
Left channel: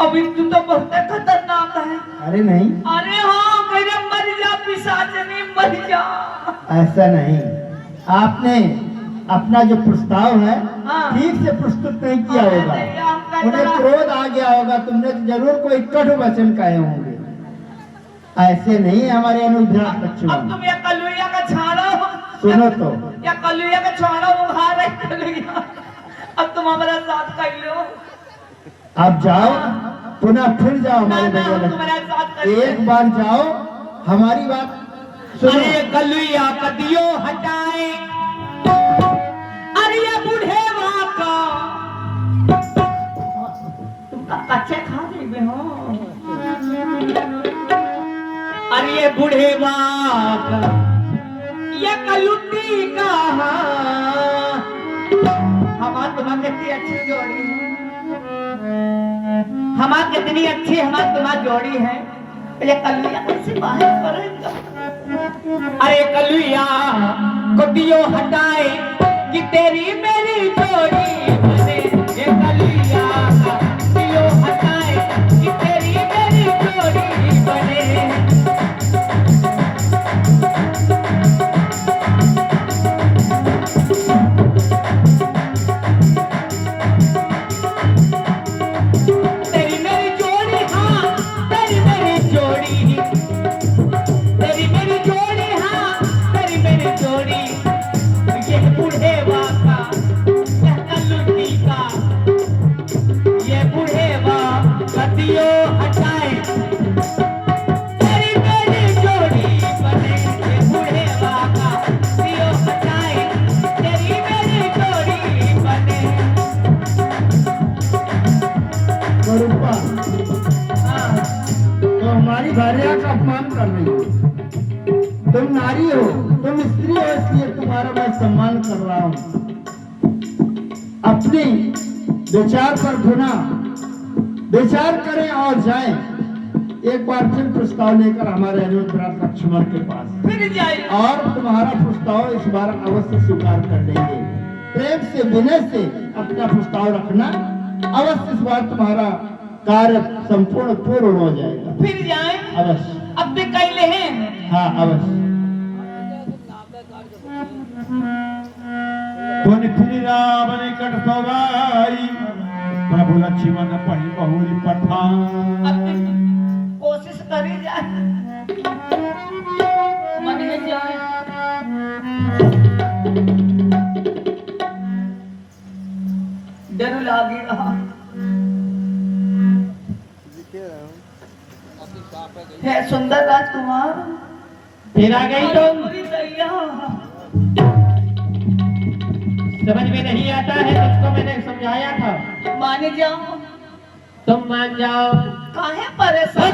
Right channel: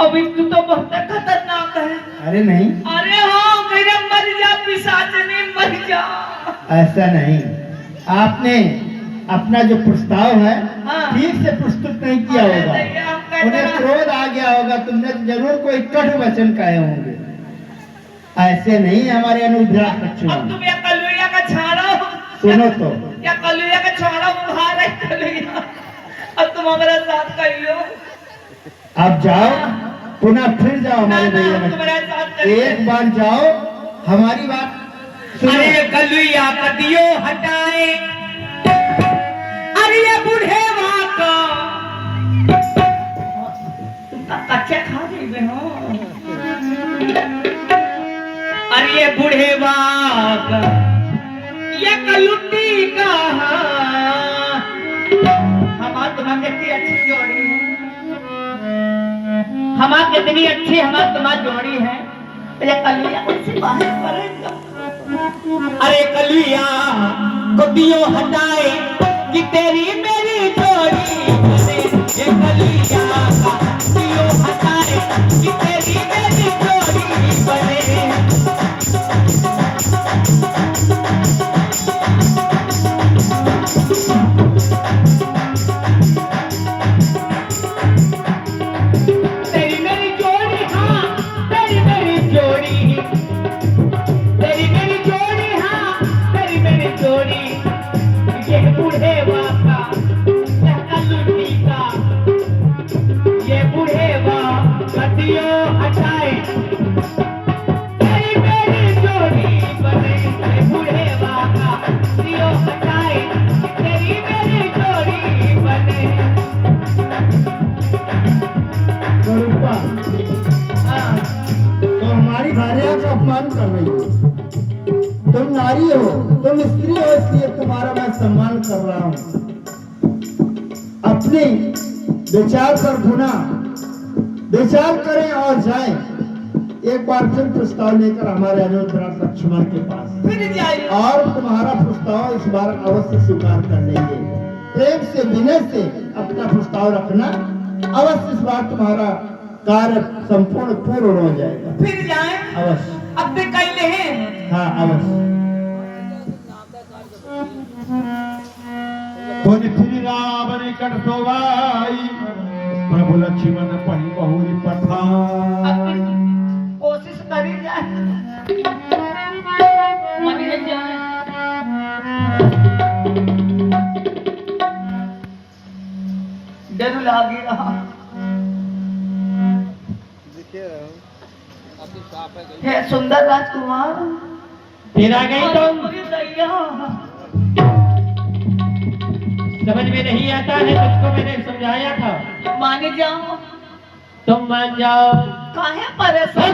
अभी तू तो बहुत खतरनाक है। अरे नहीं, अरे हाँ मेरे मर जा पिशाचनी मर जा। ऐसा नहीं, आपने अपना जो प्रस्ताव है हाँ। ठीक से प्रस्तुत नहीं किया अरे होगा, भैया, हम कहते उन्हें हैं- क्रोध आ गया होगा, तुमने तो जरूर कोई कटु वचन कहे होंगे। ऐसे नहीं हमारे अनुग्रह अब लक्ष्मण। तुम ये कलुया का छाड़ो, सुनो तो, या कलुया का छाड़ो उठा रहे कलुया, अब तुम हमारा साथ कर लो। अब जाओ, पुनः फिर जाओ हमारे ना, भैया हम लक्ष्मण। तुम्हारे साथ करेंगे। एक बार जाओ, हमारी बात सुनो। अरे कलुया पतियो हटाए, अरे ये बूढ़े वाका तुमका कच्चा खा देवे हो। अरे ये बूढ़े वाका ये कलुटी का हमार तुम्हारी कितनी अच्छी जोड़ी है, हमार कितनी अच्छी हमार तुम्हारी जोड़ी है। ये कलुया कैसे बाहर पड़ेगा? अरे कलुया गोटियों हटाए कि तेरी मेरी जोड़ी बने। ये कलुया गोटियों हटाए कि तेरी मेरी जोड़ी बने। तेरी मेरी जोड़ी, हाँ तेरी मेरी जोड़ी, तेरी मेरी जोड़ी, हाँ तेरी मेरी जोड़ी। ये बूढ़े वाका, ये कलुटी का, तुम स्त्री हो इसलिए तुम्हारा मैं सम्मान कर रहा हूँ। अपने विचार पर गुना विचार करें और जाएं। एक बार फिर प्रस्ताव लेकर हमारे अनुराग लक्ष्मण के पास फिर जाइए। और तुम्हारा प्रस्ताव इस बार अवश्य स्वीकार कर लेंगे। प्रेम से विनय से अपना प्रस्ताव रखना, अवश्य इस बार तुम्हारा कार्य संपूर्ण पूर्ण हो जाएगा। फिर जाए अवश्य। अब भी कैले हैं। हाँ अवश्य। फिर राम निकट सोवाई प्रभु लक्ष्मण पहि बहुरी पठान। अब भी कोशिश करी जाए, मनिए जाए। डर लागी रहा दिखे रहो आपकी पाप है है सुंदर राजकुमार। फिर आ गई तुम। पूरी दैया। समझ में नहीं आता है, तुझको मैंने समझाया था। माने जाओ। तुम मान जाओ। काहे परेशान?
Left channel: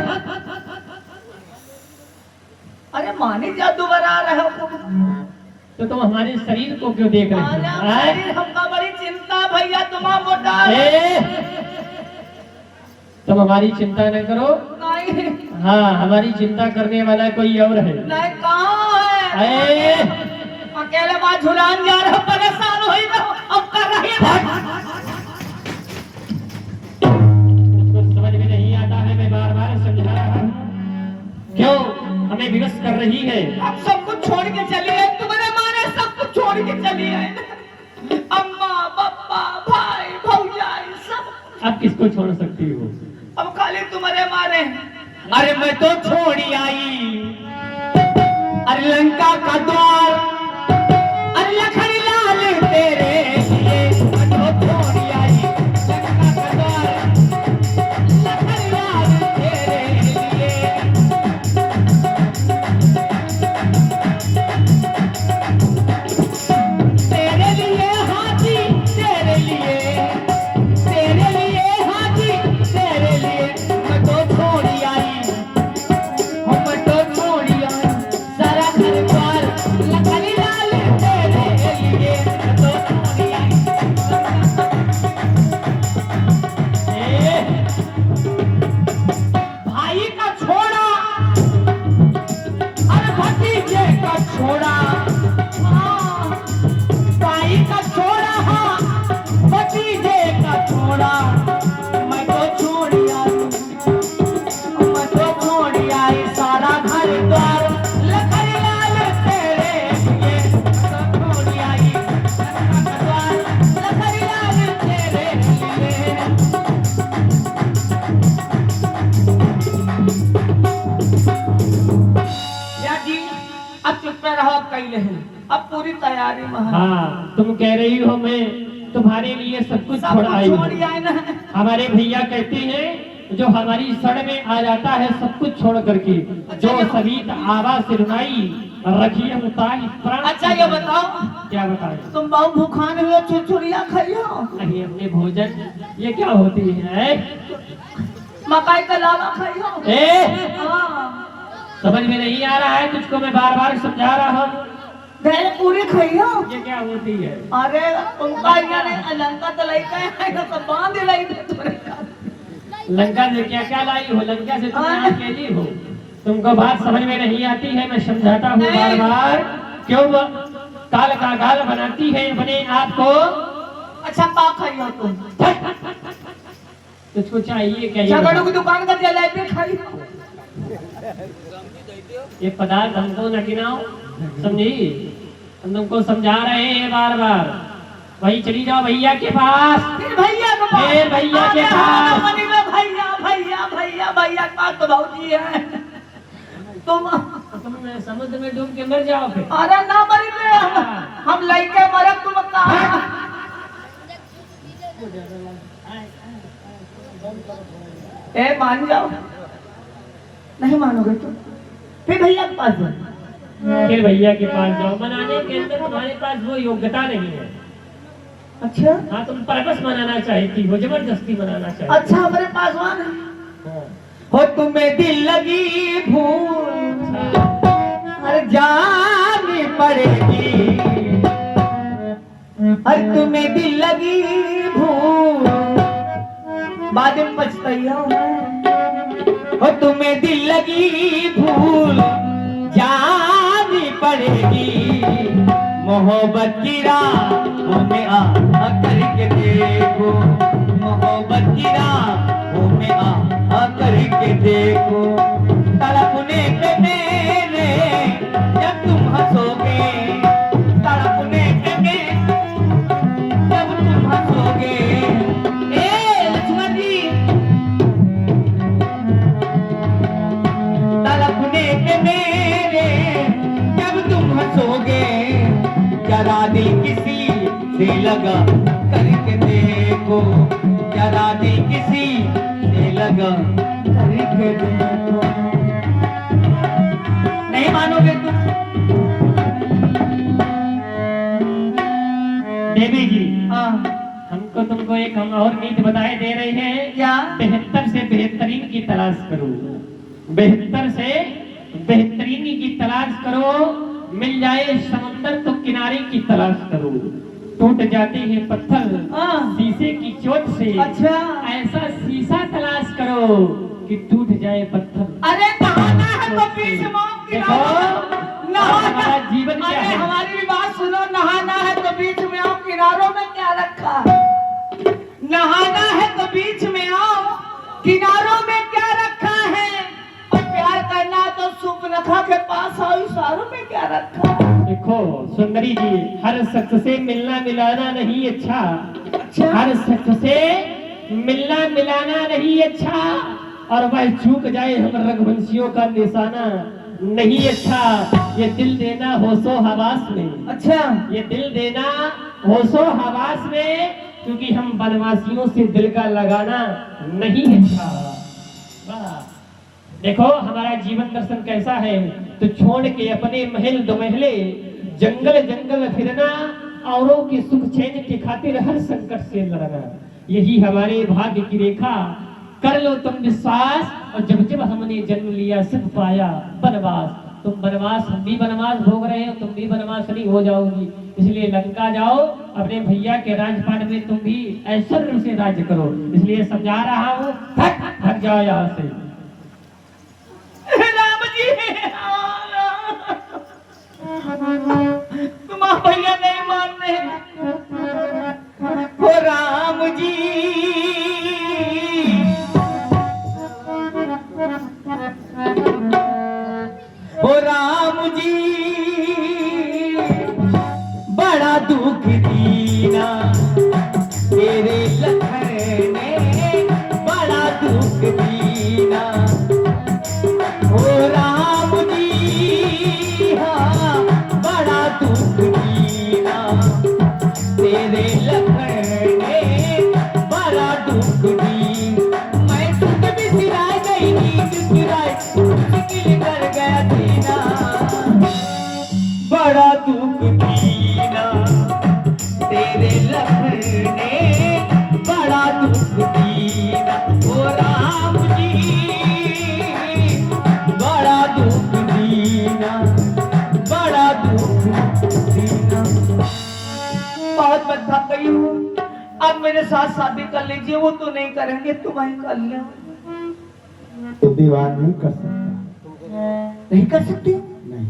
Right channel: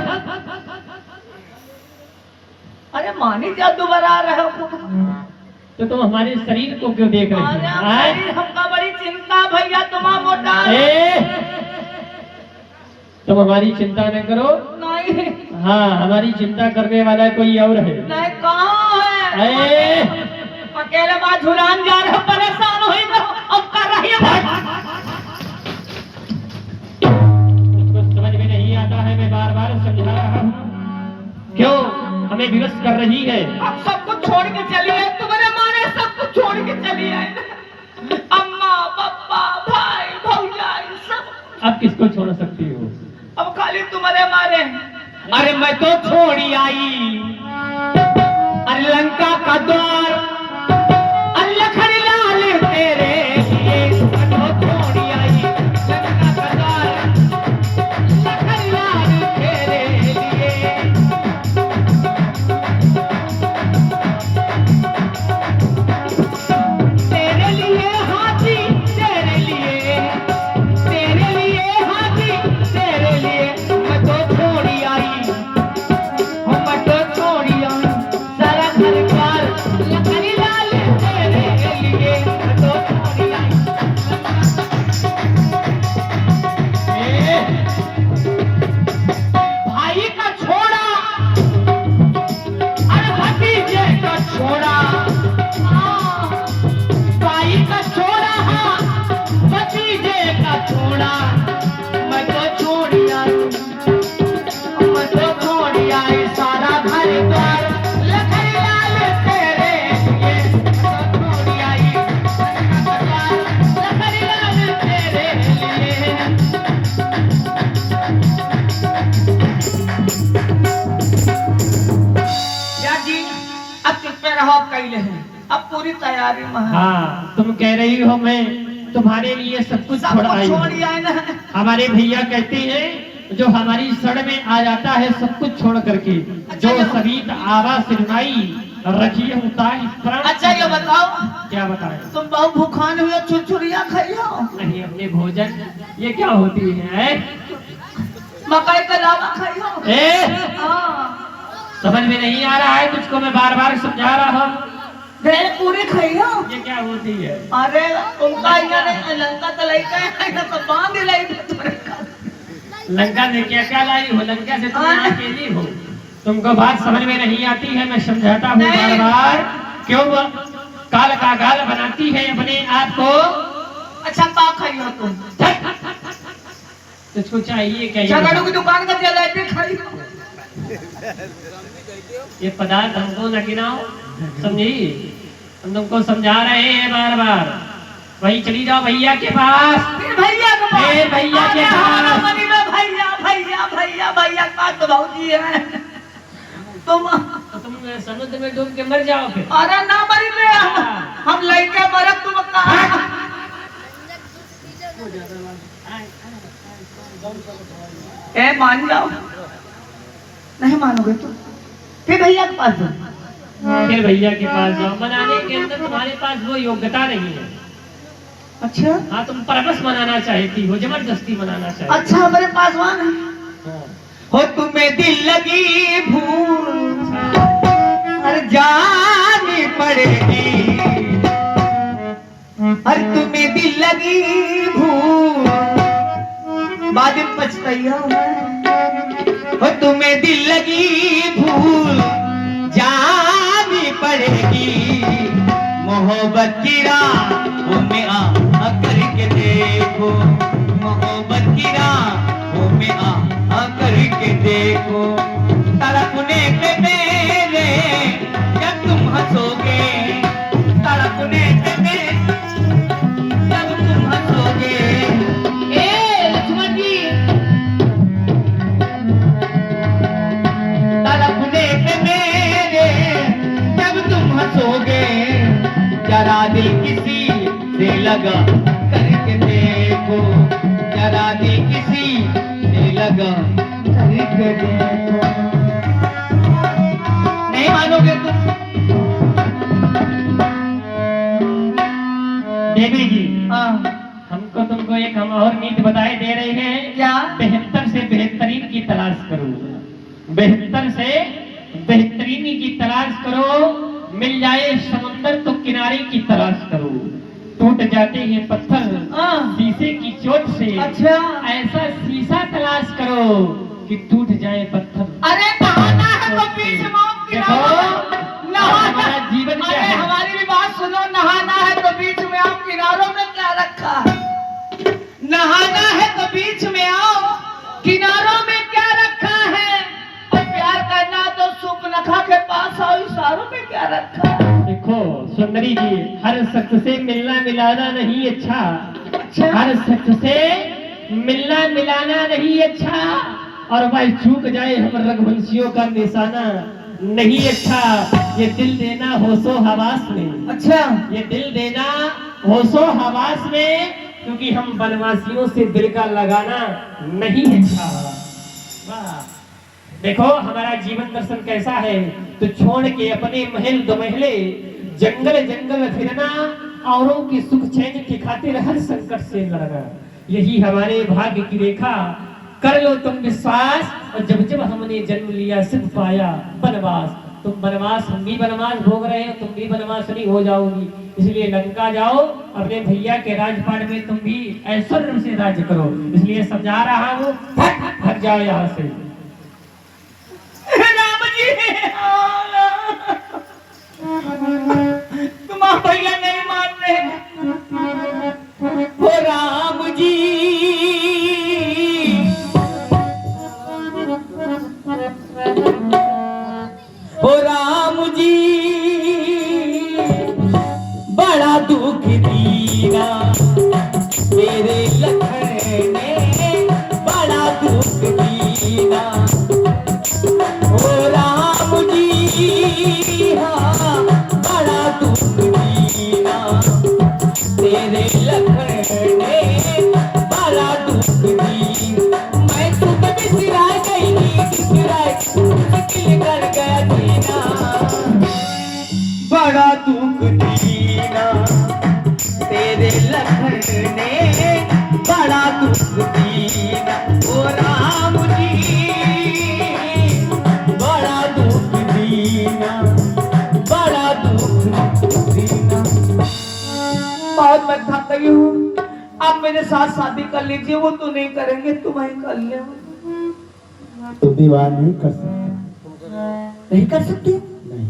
अरे माने जाओ, दोबारा आ रहे हो। तो तुम हमारे शरीर को क्यों देख रहे अरे हो? हमारी हमका बड़ी चिंता भैया, तुम्हारा मोटा तुम हमारी चिंता न करो। नहीं हाँ, हमारी चिंता करने वाला कोई और है। नहीं, कहाँ है? अकेले बात झुलान जा रहे हो, परेशान हो ही रहो, अब कर रही है। तुझको समझ में नहीं आता है, मैं बार बार समझा रहा हूँ। क्यों हमें विवश कर रही है? अब सब कुछ छोड़ के चली है, तुम्हारे मारे सब कुछ छोड़ के चली है। अम्मा पापा भाई भौजाई सब। अब किसको छोड़ सकती हो? अब खाली तुम्हारे मारे। अरे मैं तो छोड़ी आई, अरे लंका का द्वार, अरे लखन लाल तेरे लिए मैं तो छोड़ी आई। लंका का द्वार, लखन लाल तेरे लिए। तेरे लिए हाथी, तेरे लिए, तेरे लिए हाथी, तेरे लिए मैं तो छोड़ी आई। मैं तो छोड़ी आई, सारा घर द्वार लखन लाल तेरे लिए मैं तो छोड़ी आई। भाई का छोड़ा, अरे भतीजे का छोड़ा, भाई का छोड़ा, हाँ भतीजे का छोड़ा, मैं तो छोड़ी आई। मैं तो छोड़ी आई, सारा घर द्वार लखन लाल तेरे लिए मैं तो छोड़ी आई। द्वार लखन लाल तेरे लिए। या जी अब चुप पे रहो, अब कैले हैं, अब पूरी तैयारी में है। हाँ, तुम कह रही हो मैं तुम्हारे लिए सब कुछ सब छोड़ कुछ आई छोड़ हूँ। आए ना। हमारे भैया कहते हैं जो हमारी शरण में आ जाता है सब कुछ छोड़ करके, जो सरित आवा सिरनाई रखिए उताई प्राण। अच्छा ये बताओ, क्या बताएं? तुम बहुत भूखान हुए, छुरछुरिया खाई हो? अरे अपने भोजन ये क्या होती है? मकई का लावा खाई हो? हाँ। समझ में नहीं आ रहा है तुझको, मैं बार बार समझा रहा हूँ। भेड़ पूरी खाई हो? ये क्या होती है? अरे उनका यहाँ लंका तो लेके आए ना, तो बांध लाई तुम्हारे का। लंका में क्या क्या लाई हो? लंका से तुम यहाँ अकेली हो, तुमको बात समझ में नहीं आती है। मैं समझाता हूँ बार बार। क्यों काल का गाल बनाती है अपने आप को? अच्छा का खाई हो तुम? तुझको चाहिए क्या? झगड़ों की दुकान का जलेबी खाई हो? ये पदार्थ हमको न गिनाओ, समझी? हम तुमको समझा रहे हैं बार बार। वही चली जाओ भैया के पास। फिर भैया के पास? फिर भैया के पास। भैया भैया भैया भैया का तो भौजी है तुम। तुम समुद्र में डूब के मर जाओ फिर। अरे ना मरी में हम लड़के मरब, तुम कहाँ? ए मान जाओ, नहीं मानोगे तो फिर भैया के पास जाओ। फिर भैया के पास जाओ। मनाने के अंदर तुम्हारे पास वो योग्यता नहीं है। अच्छा हाँ, तुम परवश मनाना चाहती हो, जबरदस्ती मनाना चाहती अच्छा, हमारे पासवान है। हो तुम्हें दिल लगी भूल, अरे जानी पड़ेगी। और तुम्हें दिल लगी भूल बाद में पछताइया और तुम्हें दिल लगी भूल जानी पड़ेगी। मोहब्बत की राहों में आ करके देखो, मोहब्बत की राहों में आ करके देखो। तड़पने पे मेरे जब तुम हंसोगे, तड़पने पे मेरे जब तुम हंसोगे। ए लक्ष्मण जी, तड़पने पे मेरे जब तुम हंसोगे। जरा दिल किसी से लगा करके देखो, जरा दिल किसी से लगा करके देखो। नहीं मानोगे तुम? देवी जी, हाँ हमको तुमको एक हम और नीति बताए दे रहे हैं। क्या? बेहतर से बेहतरीन की तलाश करो, बेहतर से बेहतरीन की तलाश करो। मिल जाए समंदर तो किनारे की तलाश करो। टूट जाते हैं पत्थर शीशे की चोट से। अच्छा, ऐसा शीशा तलाश करो कि टूट जाए पत्थर। अरे नहाना है तो बीच में आप किनारों हमारा जीवन क्या है? हमारी भी बात सुनो, नहाना है तो बीच में आप किनारों में क्या रखा है? नहाना है तो बीच में आओ, किनारों में क्या रखा है? और प्यार करना तो सुपनखा के पास आओ, इशारों में क्या रखा है? देखो सुंदरी जी, हर शख्स से मिलना मिलाना नहीं अच्छा। अच्छा, हर शख्स से मिलना मिलाना नहीं अच्छा, और वह चूक जाए हम रघुवंशियों का निशाना नहीं अच्छा। ये दिल देना होशो हवास में, अच्छा, ये दिल देना होशो हवास में, क्योंकि हम बनवासियों से दिल का लगाना नहीं अच्छा। वाह! देखो हमारा जीवन दर्शन कैसा है। तो छोड़ के अपने महल दो महले, जंगल जंगल फिरना, औरों के सुख चैन की खातिर हर संकट से लड़ना, यही हमारे भाग्य की रेखा। कर लो तुम विश्वास, और जब जब हमने जन्म लिया सिर्फ पाया बनवास। तुम बनवास, हम भी बनवास भोग रहे हैं, तुम भी बनवास नहीं हो जाओगी। इसलिए लंका जाओ, अपने भैया के राजपाट में तुम भी ऐश्वर्य से राज्य करो। इसलिए समझा रहा हूँ, हट जाओ यहाँ से। राम जी, तुम भैया नहीं मान रहे हो। राम जी, ओ राम जी, बड़ा दुख दीना तेरे लखन ने, बड़ा दुख दीना। ओ राम जी, हाँ बड़ा दुख दीना तेरे लखन ने, बड़ा दुख दीना। मैं तुझ बिसराए गई, बिसराए मुश्किल कर गया दीना, बड़ा दुख दीना तेरे लखन ने, बड़ा दुख दीना। ओ राम जी, बड़ा दुख दीना, बड़ा दुख दीना। बहुत मैं थक गई हूँ, आप मेरे साथ शादी कर लीजिए। वो तो नहीं करेंगे, तुम्हें कर लिया। तो विवाह नहीं कर सकता। नहीं कर सकते? नहीं,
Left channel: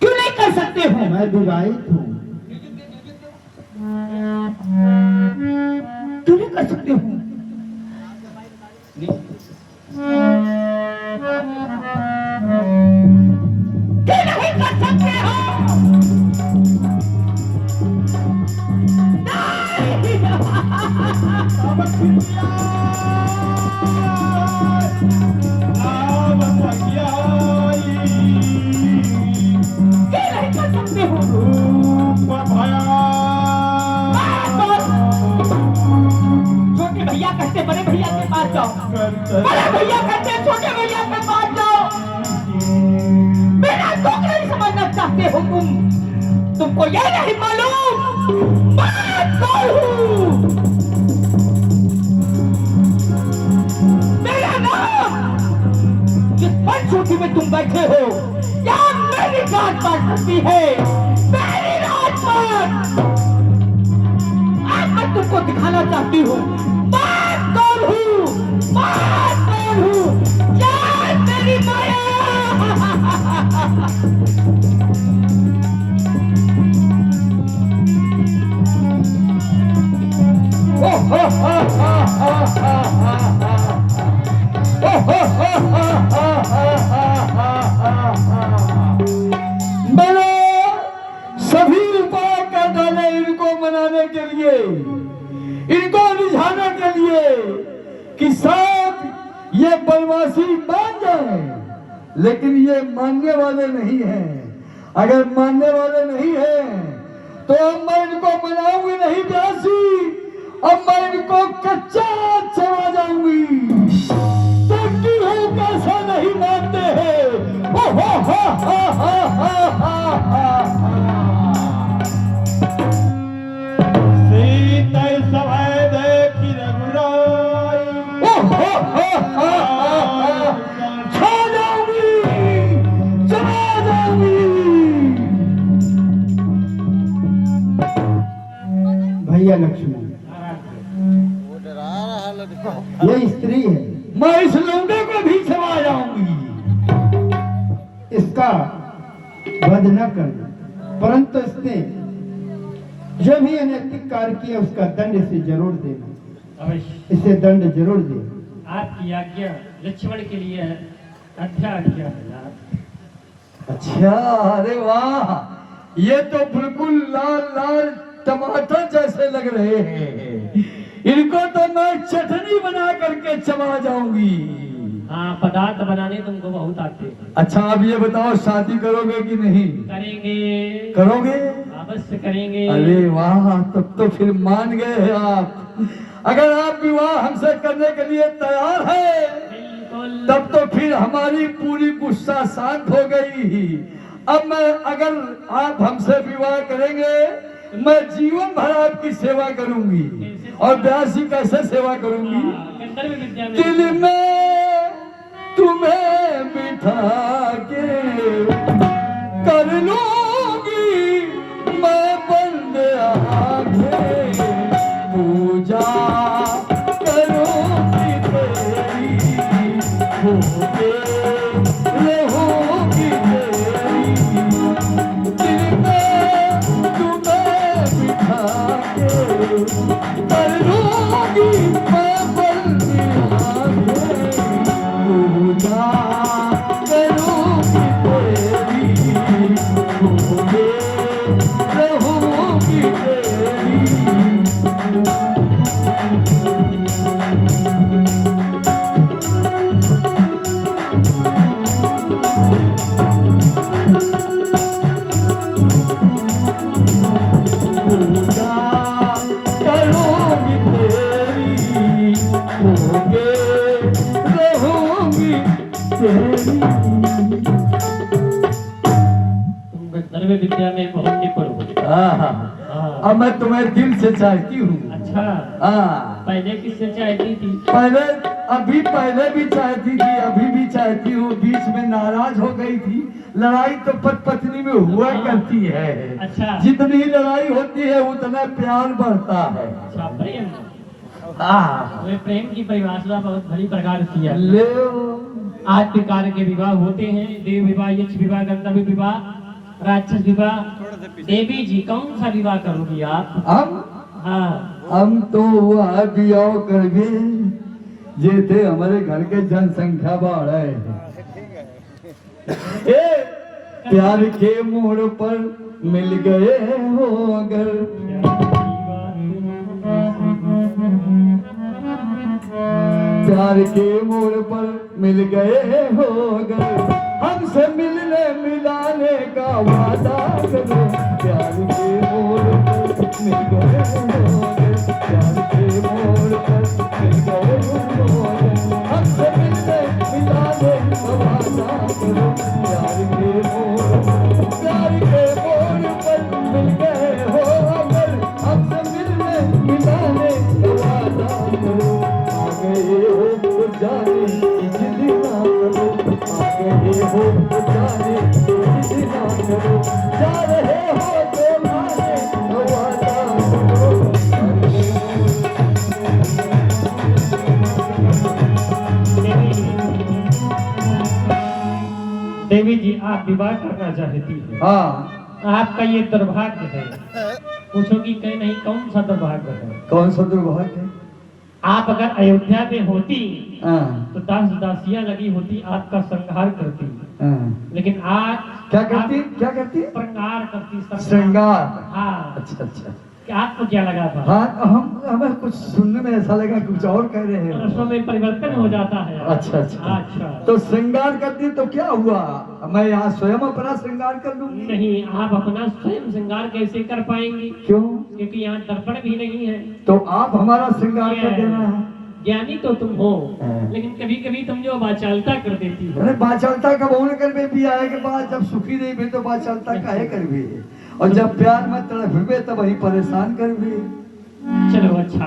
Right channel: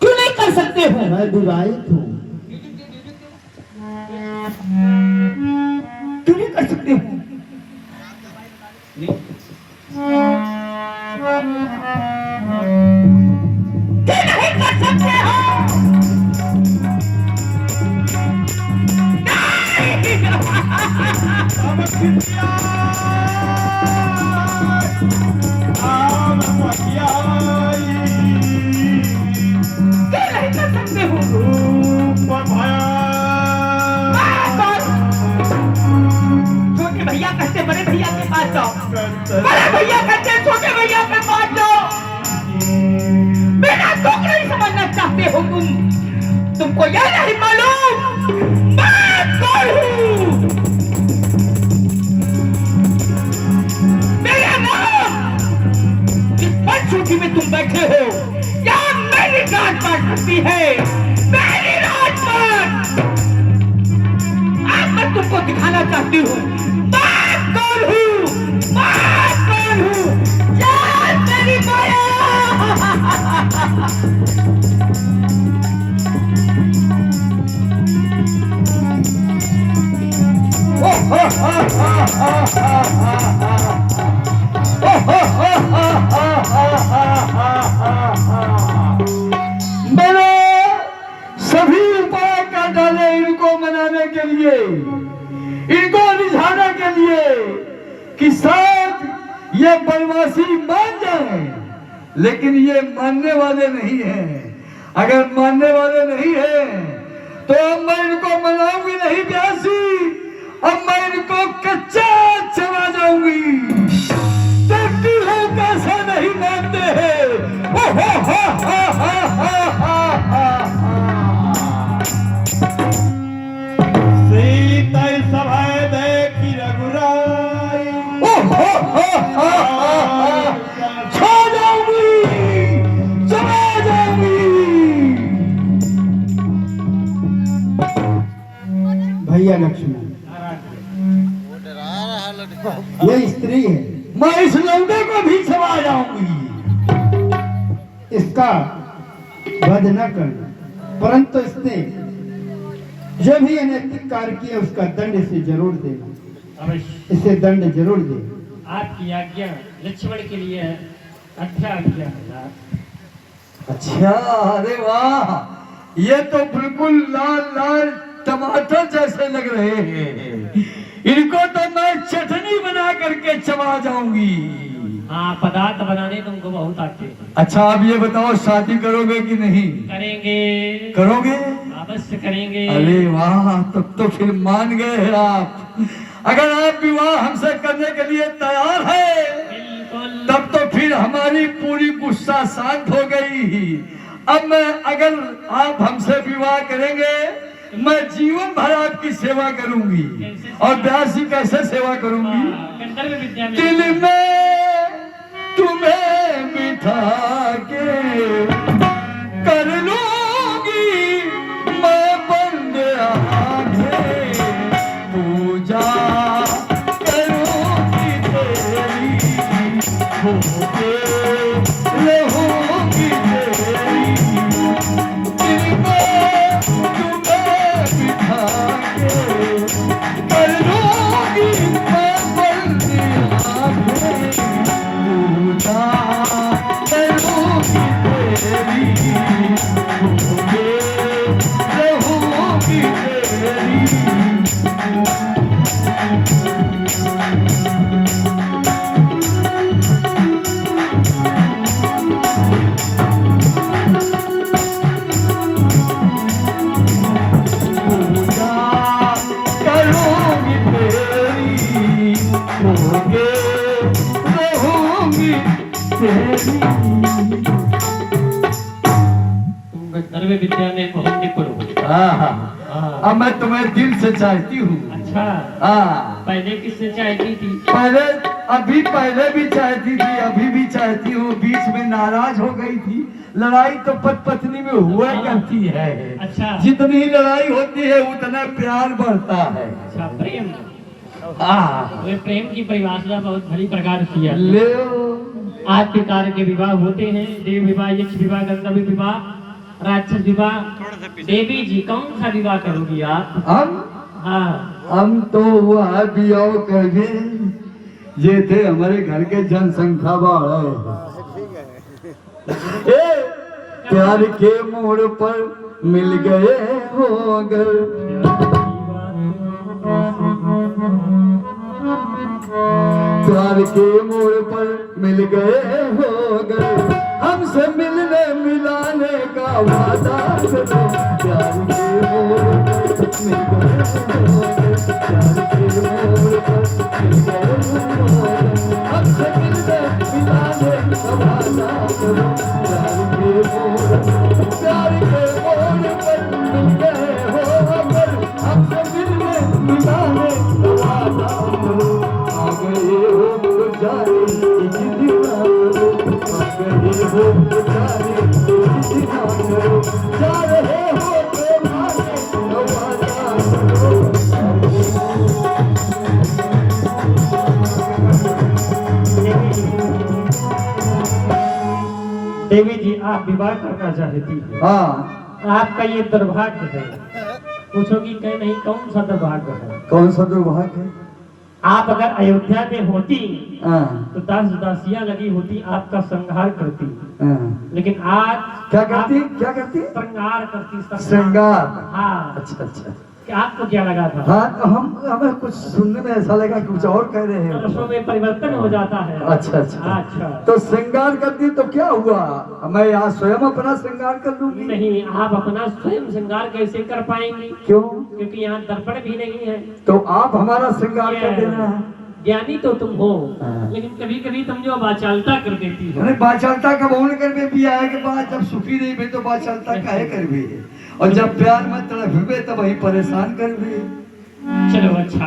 क्यों नहीं कर सकते हो? मैं विवाहित हूँ। क्यों नहीं कर सकते हो? क्यों नहीं कर सकते हो? क्यों नहीं कर सकते हो? छोटे भैया कहते बड़े भैया के पास जाओ, बड़े भैया कहते छोटे भैया के पास जाओ। मेरा दुख नहीं समझना चाहते हो तुम। तुमको यह नहीं मालूम मैं कौन हूँ। मेरा नाम जिस पंचवटी में तुम बैठे हो, यहाँ मेरी राजपाट करती है, मेरी राजपाट। आज मैं तुमको दिखाना चाहती हूँ मैं कौन हूँ, मैं कौन हूँ। क्या तेरी माया। मैंने सभी उपाय कर डाले इनको मनाने के लिए, इनको रिझाने के लिए कि शायद ये बनवासी मान जाए, लेकिन ये मानने वाले नहीं हैं। अगर मानने वाले नहीं हैं तो अब मैं इनको मनाऊंगी नहीं ब्यासी, अब मैं इनको कच्चा चला जाऊंगी। देखती हूँ कैसा नहीं मानते हैं। ओ सीता सभाए देखी रघुराई, छा जाऊंगी, चला जाऊंगी। भैया लक्ष्मण, ये स्त्री है, मैं इस लौंडे को भी चला जाऊंगी। इसका वध न करना, परंतु इसने जो भी अनैतिक कार्य किया उसका दंड इसे जरूर देना, अवश्य इसे दंड जरूर देना। आपकी आज्ञा लक्ष्मण के लिए आज्ञा है। अच्छा, अरे वाह, ये तो बिल्कुल लाल लाल टमाटर जैसे लग रहे हैं। इनको तो मैं चटनी बना करके चबा जाऊंगी। हाँ, पदार्थ बनाने तुमको बहुत आते हैं। अच्छा, अब ये बताओ शादी करोगे कि नहीं? करेंगे, करोगे? अवश्य करेंगे। अरे वाह, तब तो फिर मान गए हैं आप। अगर आप विवाह हमसे करने के लिए तैयार है बिल्कुल। तब तो फिर हमारी पूरी गुस्सा शांत हो गई। अब मैं अगर आप हमसे विवाह करेंगे, मैं जीवन भर आपकी सेवा करूंगी। और ब्यासी कैसे सेवा करूंगी? गंधर्व विद्या में दिल में तुम्हें बिठा के कर लूंगी मैं बंद आंखें, पूजा करूंगी तेरी, होके रहूंगी तेरी। दिल में तुम्हें बिठा के कर लूंगी मैं बंद आंखें, पूजा करूंगी तेरी, होके रहूंगी तेरी। पूजा करूंगी तेरी, होके रहूंगी तेरी। तुम गंधर्व विद्या में बहुत निपुण हो। हाँ। अब मैं तुम्हें दिल से चाहती हूँ। अच्छा, हाँ, पहले किससे चाहती थी? पहले पहले भी चाहती थी, अभी भी चाहती हूँ। बीच में नाराज हो गई थी। लड़ाई तो पति पत्नी में हुआ करती है। अच्छा। जितनी लड़ाई होती है उतना प्यार बढ़ता है। अच्छा, प्रेम। हाँ, वे प्रेम की परिभाषा बहुत भली प्रकार की है। ले आज के कार्य के विवाह होते हैं, देव विवाह, यक्ष विवाह, गंधर्व विवाह, राक्षस विवाह। देवी जी, कौन सा विवाह करोगी आप? हम तो हुआ है बियाह करके, ये थे हमारे घर के जनसंख्या बढ़ है। प्यार के मोड़ पर मिल गए हो अगर, प्यार के मोड़ पर मिल गए हो अगर, हमसे मिलने मिलाने का वादा करो। प्यार के मोड़ पर मिल गए हो अगर, प्यार के मोड़ पर मिल गए हो अगर, हमसे मिलने मिलाने का वादा करो। प्यार के मोड़ पर मिल गए हो अगर, हमसे मिलने मिलाने का वादा करो। आ गए हो तो जाने इतना करो, आ गए हो तो जाने इतना आप विवाह करना चाहती हैं, हाँ, आपका ये दुर्भाग्य है। पूछोगी कह नहीं कौन सा दुर्भाग्य है? कौन सा दुर्भाग्य है? आप अगर अयोध्या में होती हाँ, तो दास दासियां लगी होती, आपका संहार करती। हाँ। लेकिन आज क्या करती? आप क्या करती? श्रृंगार करती। श्रृंगार। हाँ। अच्छा अच्छा। कि आपको क्या लगा था? हाँ, हमें कुछ सुनने में ऐसा लगा कि कुछ और कह रहे हैं। रसों में परिवर्तन हो जाता है। अच्छा अच्छा। अच्छा। तो श्रृंगार करती तो क्या हुआ? मैं यहाँ स्वयं अपना श्रृंगार कर लूंगी? नहीं, आप अपना स्वयं श्रृंगार कैसे कर पाएंगी? क्यों? क्योंकि यहाँ दर्पण भी नहीं है। तो आप हमारा श्रृंगार कर देना है। ज्ञानी तो तुम हो, हाँ। लेकिन कभी कभी तुम जो वाचालता कर देती हो। अरे बाचलता कब होने कर में भी आए के बाद जब सुखी नहीं भी तो बाचलता काहे कर भी, और जब प्यार मत तड़फे तब वही परेशान कर भी। चलो अच्छा,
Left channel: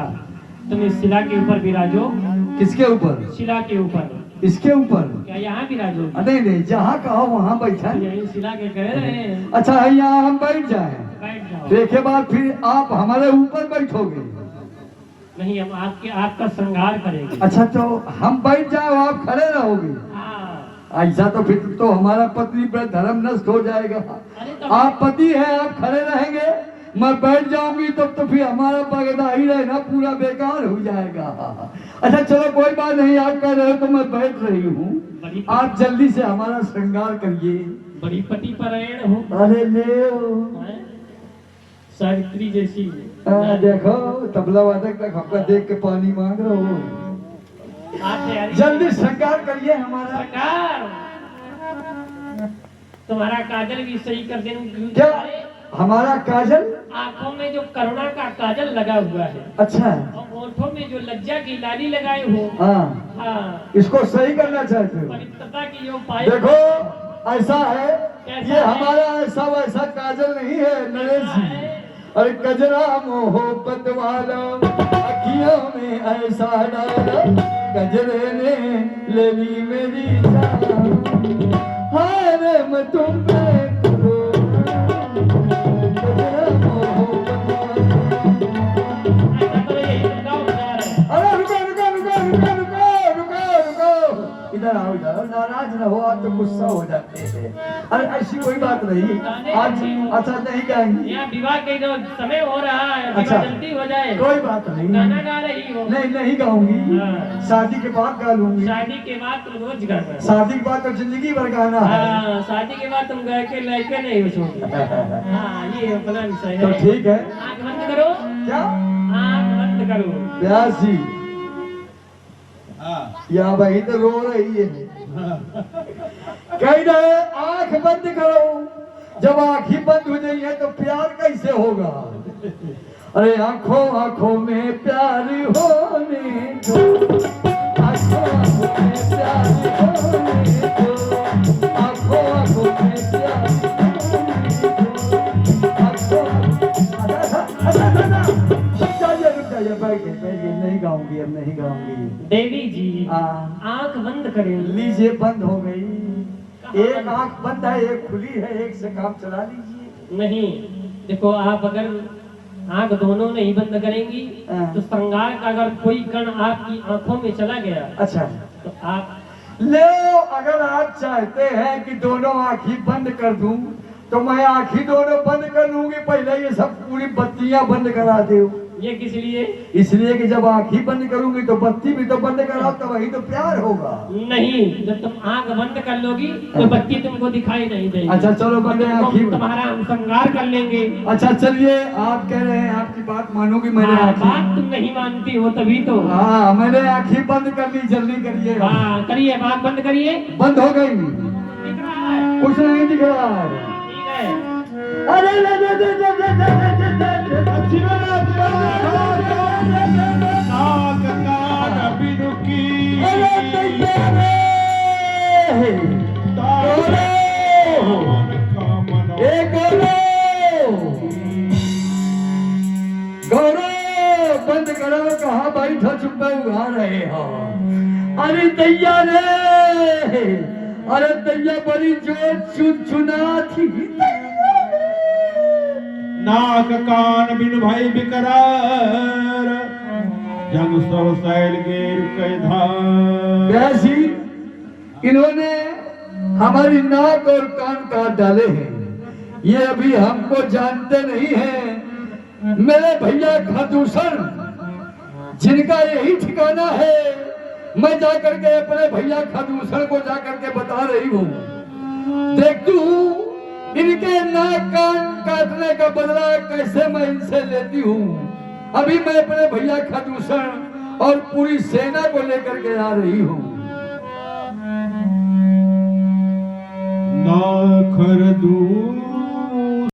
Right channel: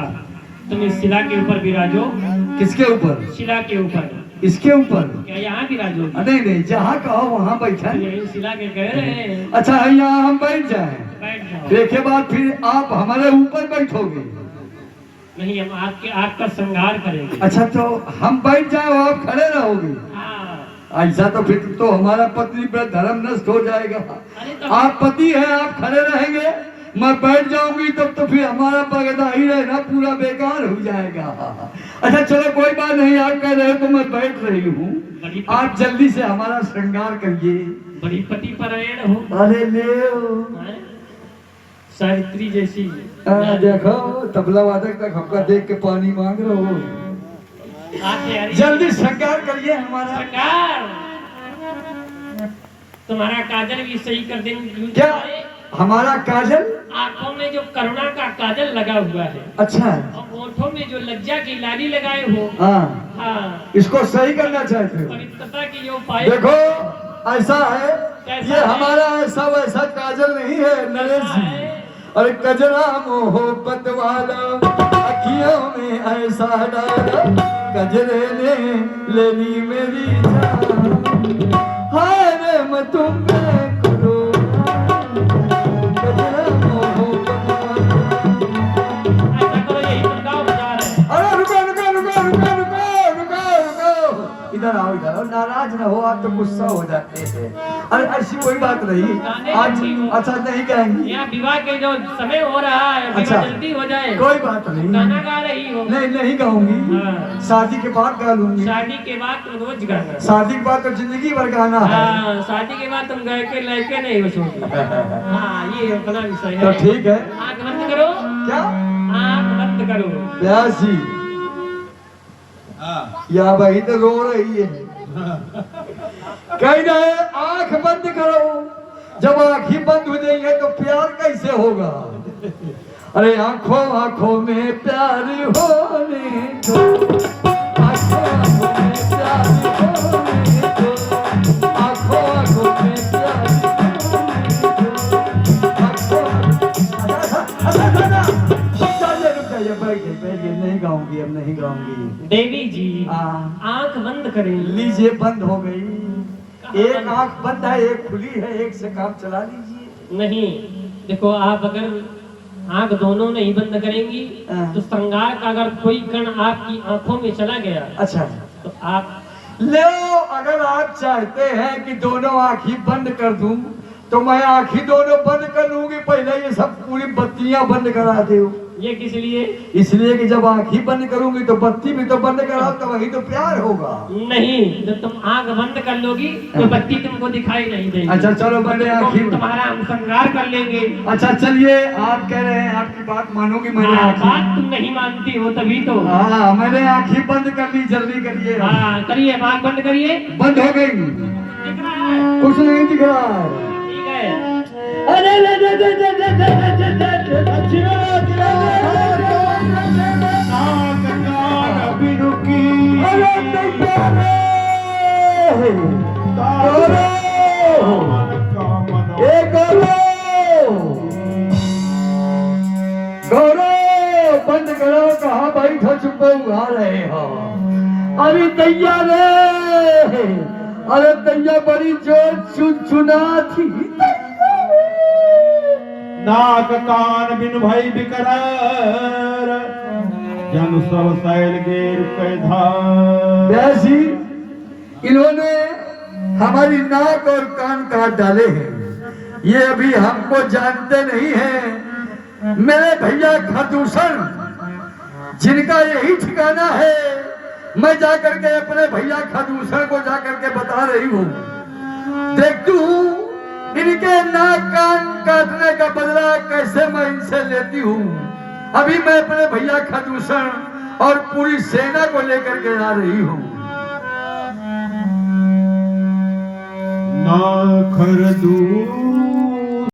तुम इस शिला के ऊपर विराजो। किसके ऊपर? शिला के ऊपर। इसके ऊपर? क्या यहाँ विराजो? नहीं नहीं, जहाँ कहो वहाँ बैठा। यही शिला के कह रहे हैं। अच्छा है, यहाँ हम बैठ जाएं, बैठ जाओ। देखे बाद फिर आप हमारे ऊपर बैठोगे? नहीं, हम आपका संहार करेंगे। अच्छा, तो हम बैठ जाए आप खड़े रहोगे? हाँ। ऐसा तो फिर तो हमारा पत्नी पर धर्म नष्ट हो जाएगा। अरे तो आप पति हैं, आप खड़े रहेंगे, मैं बैठ जाऊंगी तब तो फिर हमारा बगदाही रहना पूरा बेकार हो जाएगा। अच्छा चलो कोई बात नहीं, आप कह रहे हो तो मैं बैठ रही हूँ, आप जल्दी से हमारा श्रृंगार करिए। बड़ी पति परायण हो। अरे ले हैं? सावित्री जैसी। देखो तबला वादक तक हमका देख के पानी मांग रहे हो। आप तैयारी जल्दी श्रृंगार करिए हमारा। सरकार, तुम्हारा काजल भी सही कर देंगे। क्या? हमारा काजल? आंखों में जो करुणा का काजल लगा हुआ है, अच्छा है। और होठों में जो लज्जा की लाली लगाए हो। हाँ, हाँ। इसको सही करना चाहते हो? पवित्रता की जो पाए। देखो ऐसा है, कैसा ये है? हमारा ऐसा वैसा काजल नहीं है नरेश जी। अरे कजरा मोहब्बत वाला अखियों में ऐसा डाला, कजरे ने ले ली मेरी जान, हाय रे मैं तुम पे करो कजरा मोहब्बत वाला। ऐसा करो, यही तुम गाँव बजा रहे हैं। अरे रुको रुको रुको रुको रुको रुको रुको, इधर आओ इधर आओ, नाराज न हो आप तो गुस्सा हो जाते हैं। अरे ऐसी कोई बात नहीं आज। अच्छा नहीं कहेंगी? यहाँ विवाह के जो समय हो रहा है, विवाह अच्छा। जल्दी हो जाए। कोई बात नहीं, गाना गा रही हो। नहीं नहीं गाऊंगी, हाँ। शादी के बाद गा लूंगी। शादी के बाद तुम रोज गाना। शादी के बाद तो जिंदगी भर गाना है। हाँ, शादी के बाद तुम गा के लेके नहीं बचोगे। हाँ, ये अपना विषय तो है। ठीक है। आंख बंद करो। क्या? आंख बंद करो। व्यास जी, या वही तो रो रही है। कह रहे आंख बंद करो, जब आंख ही बंद हो जाएंगे तो प्यार कैसे होगा? अरे आंखों आंखों में प्यार होने दो, आंखों आंखों में प्यार होने दो, आंखों आंखों में प्यार होने दो, आंखों रुक जाइए, बैठ गए, नहीं गाऊंगी, अब नहीं गाऊंगी। देवी जी, हाँ। आंख बंद करें। लीजिए, बंद हो गई। एक आंख बंद है, एक खुली है, एक से काम चला लीजिए। नहीं, देखो आप अगर आंख दोनों नहीं बंद करेंगी हाँ। तो श्रृंगार का अगर कोई कण आपकी आंखों में चला गया अच्छा तो आप ले, अगर आप चाहते हैं कि दोनों आंख ही बंद कर दूं तो मैं आंख ही दोनों बंद कर लूंगी। पहले ये सब पूरी बत्तियां बंद करा दो। ये किस लिए? इसलिए कि जब आंख ही बंद करूंगी तो बत्ती भी तो बंद कराओ, तो वही तो प्यार होगा। नहीं, जब तुम आंख बंद कर लोगी तो बत्ती तुमको दिखाई नहीं देगी। अच्छा चलो, मैंने आंख ही तुम्हारा हम श्रृंगार कर लेंगे। अच्छा चलिए, आप कह रहे हैं आपकी बात मानूंगी, मैंने हाँ, आंख बात तुम नहीं मानती हो तभी तो। हाँ, मैंने आंख ही बंद कर ली, जल्दी करिए। हाँ, करिए, आंख बंद करिए। बंद हो गई, दिख रहा है? कुछ नहीं दिख रहा है। ठीक है। अरे ले ले ले ले ले ले ले अच्छी बात गौरव, बंद करो, कहाँ बैठो चुप उगा रहे हो? अरे दैया रे, अरे दैया बड़ी जोर चुना थी। नाक कान बिन भई बिकरार, जन सब सैल गे रुकै धार। व्यासी, इन्होंने हमारी नाक और कान काट डाले हैं। ये अभी हमको जानते नहीं हैं। मेरे भैया खदूषण जिनका यही ठिकाना है, मैं जाकर के अपने भैया खदूषण को जाकर के बता रही हूँ। देखती हूँ इनके नाक कान काटने का बदला कैसे मैं इनसे लेती हूँ। अभी मैं अपने भैया खदूषण और पूरी सेना को लेकर के आ रही हूँ। ना खरदूषण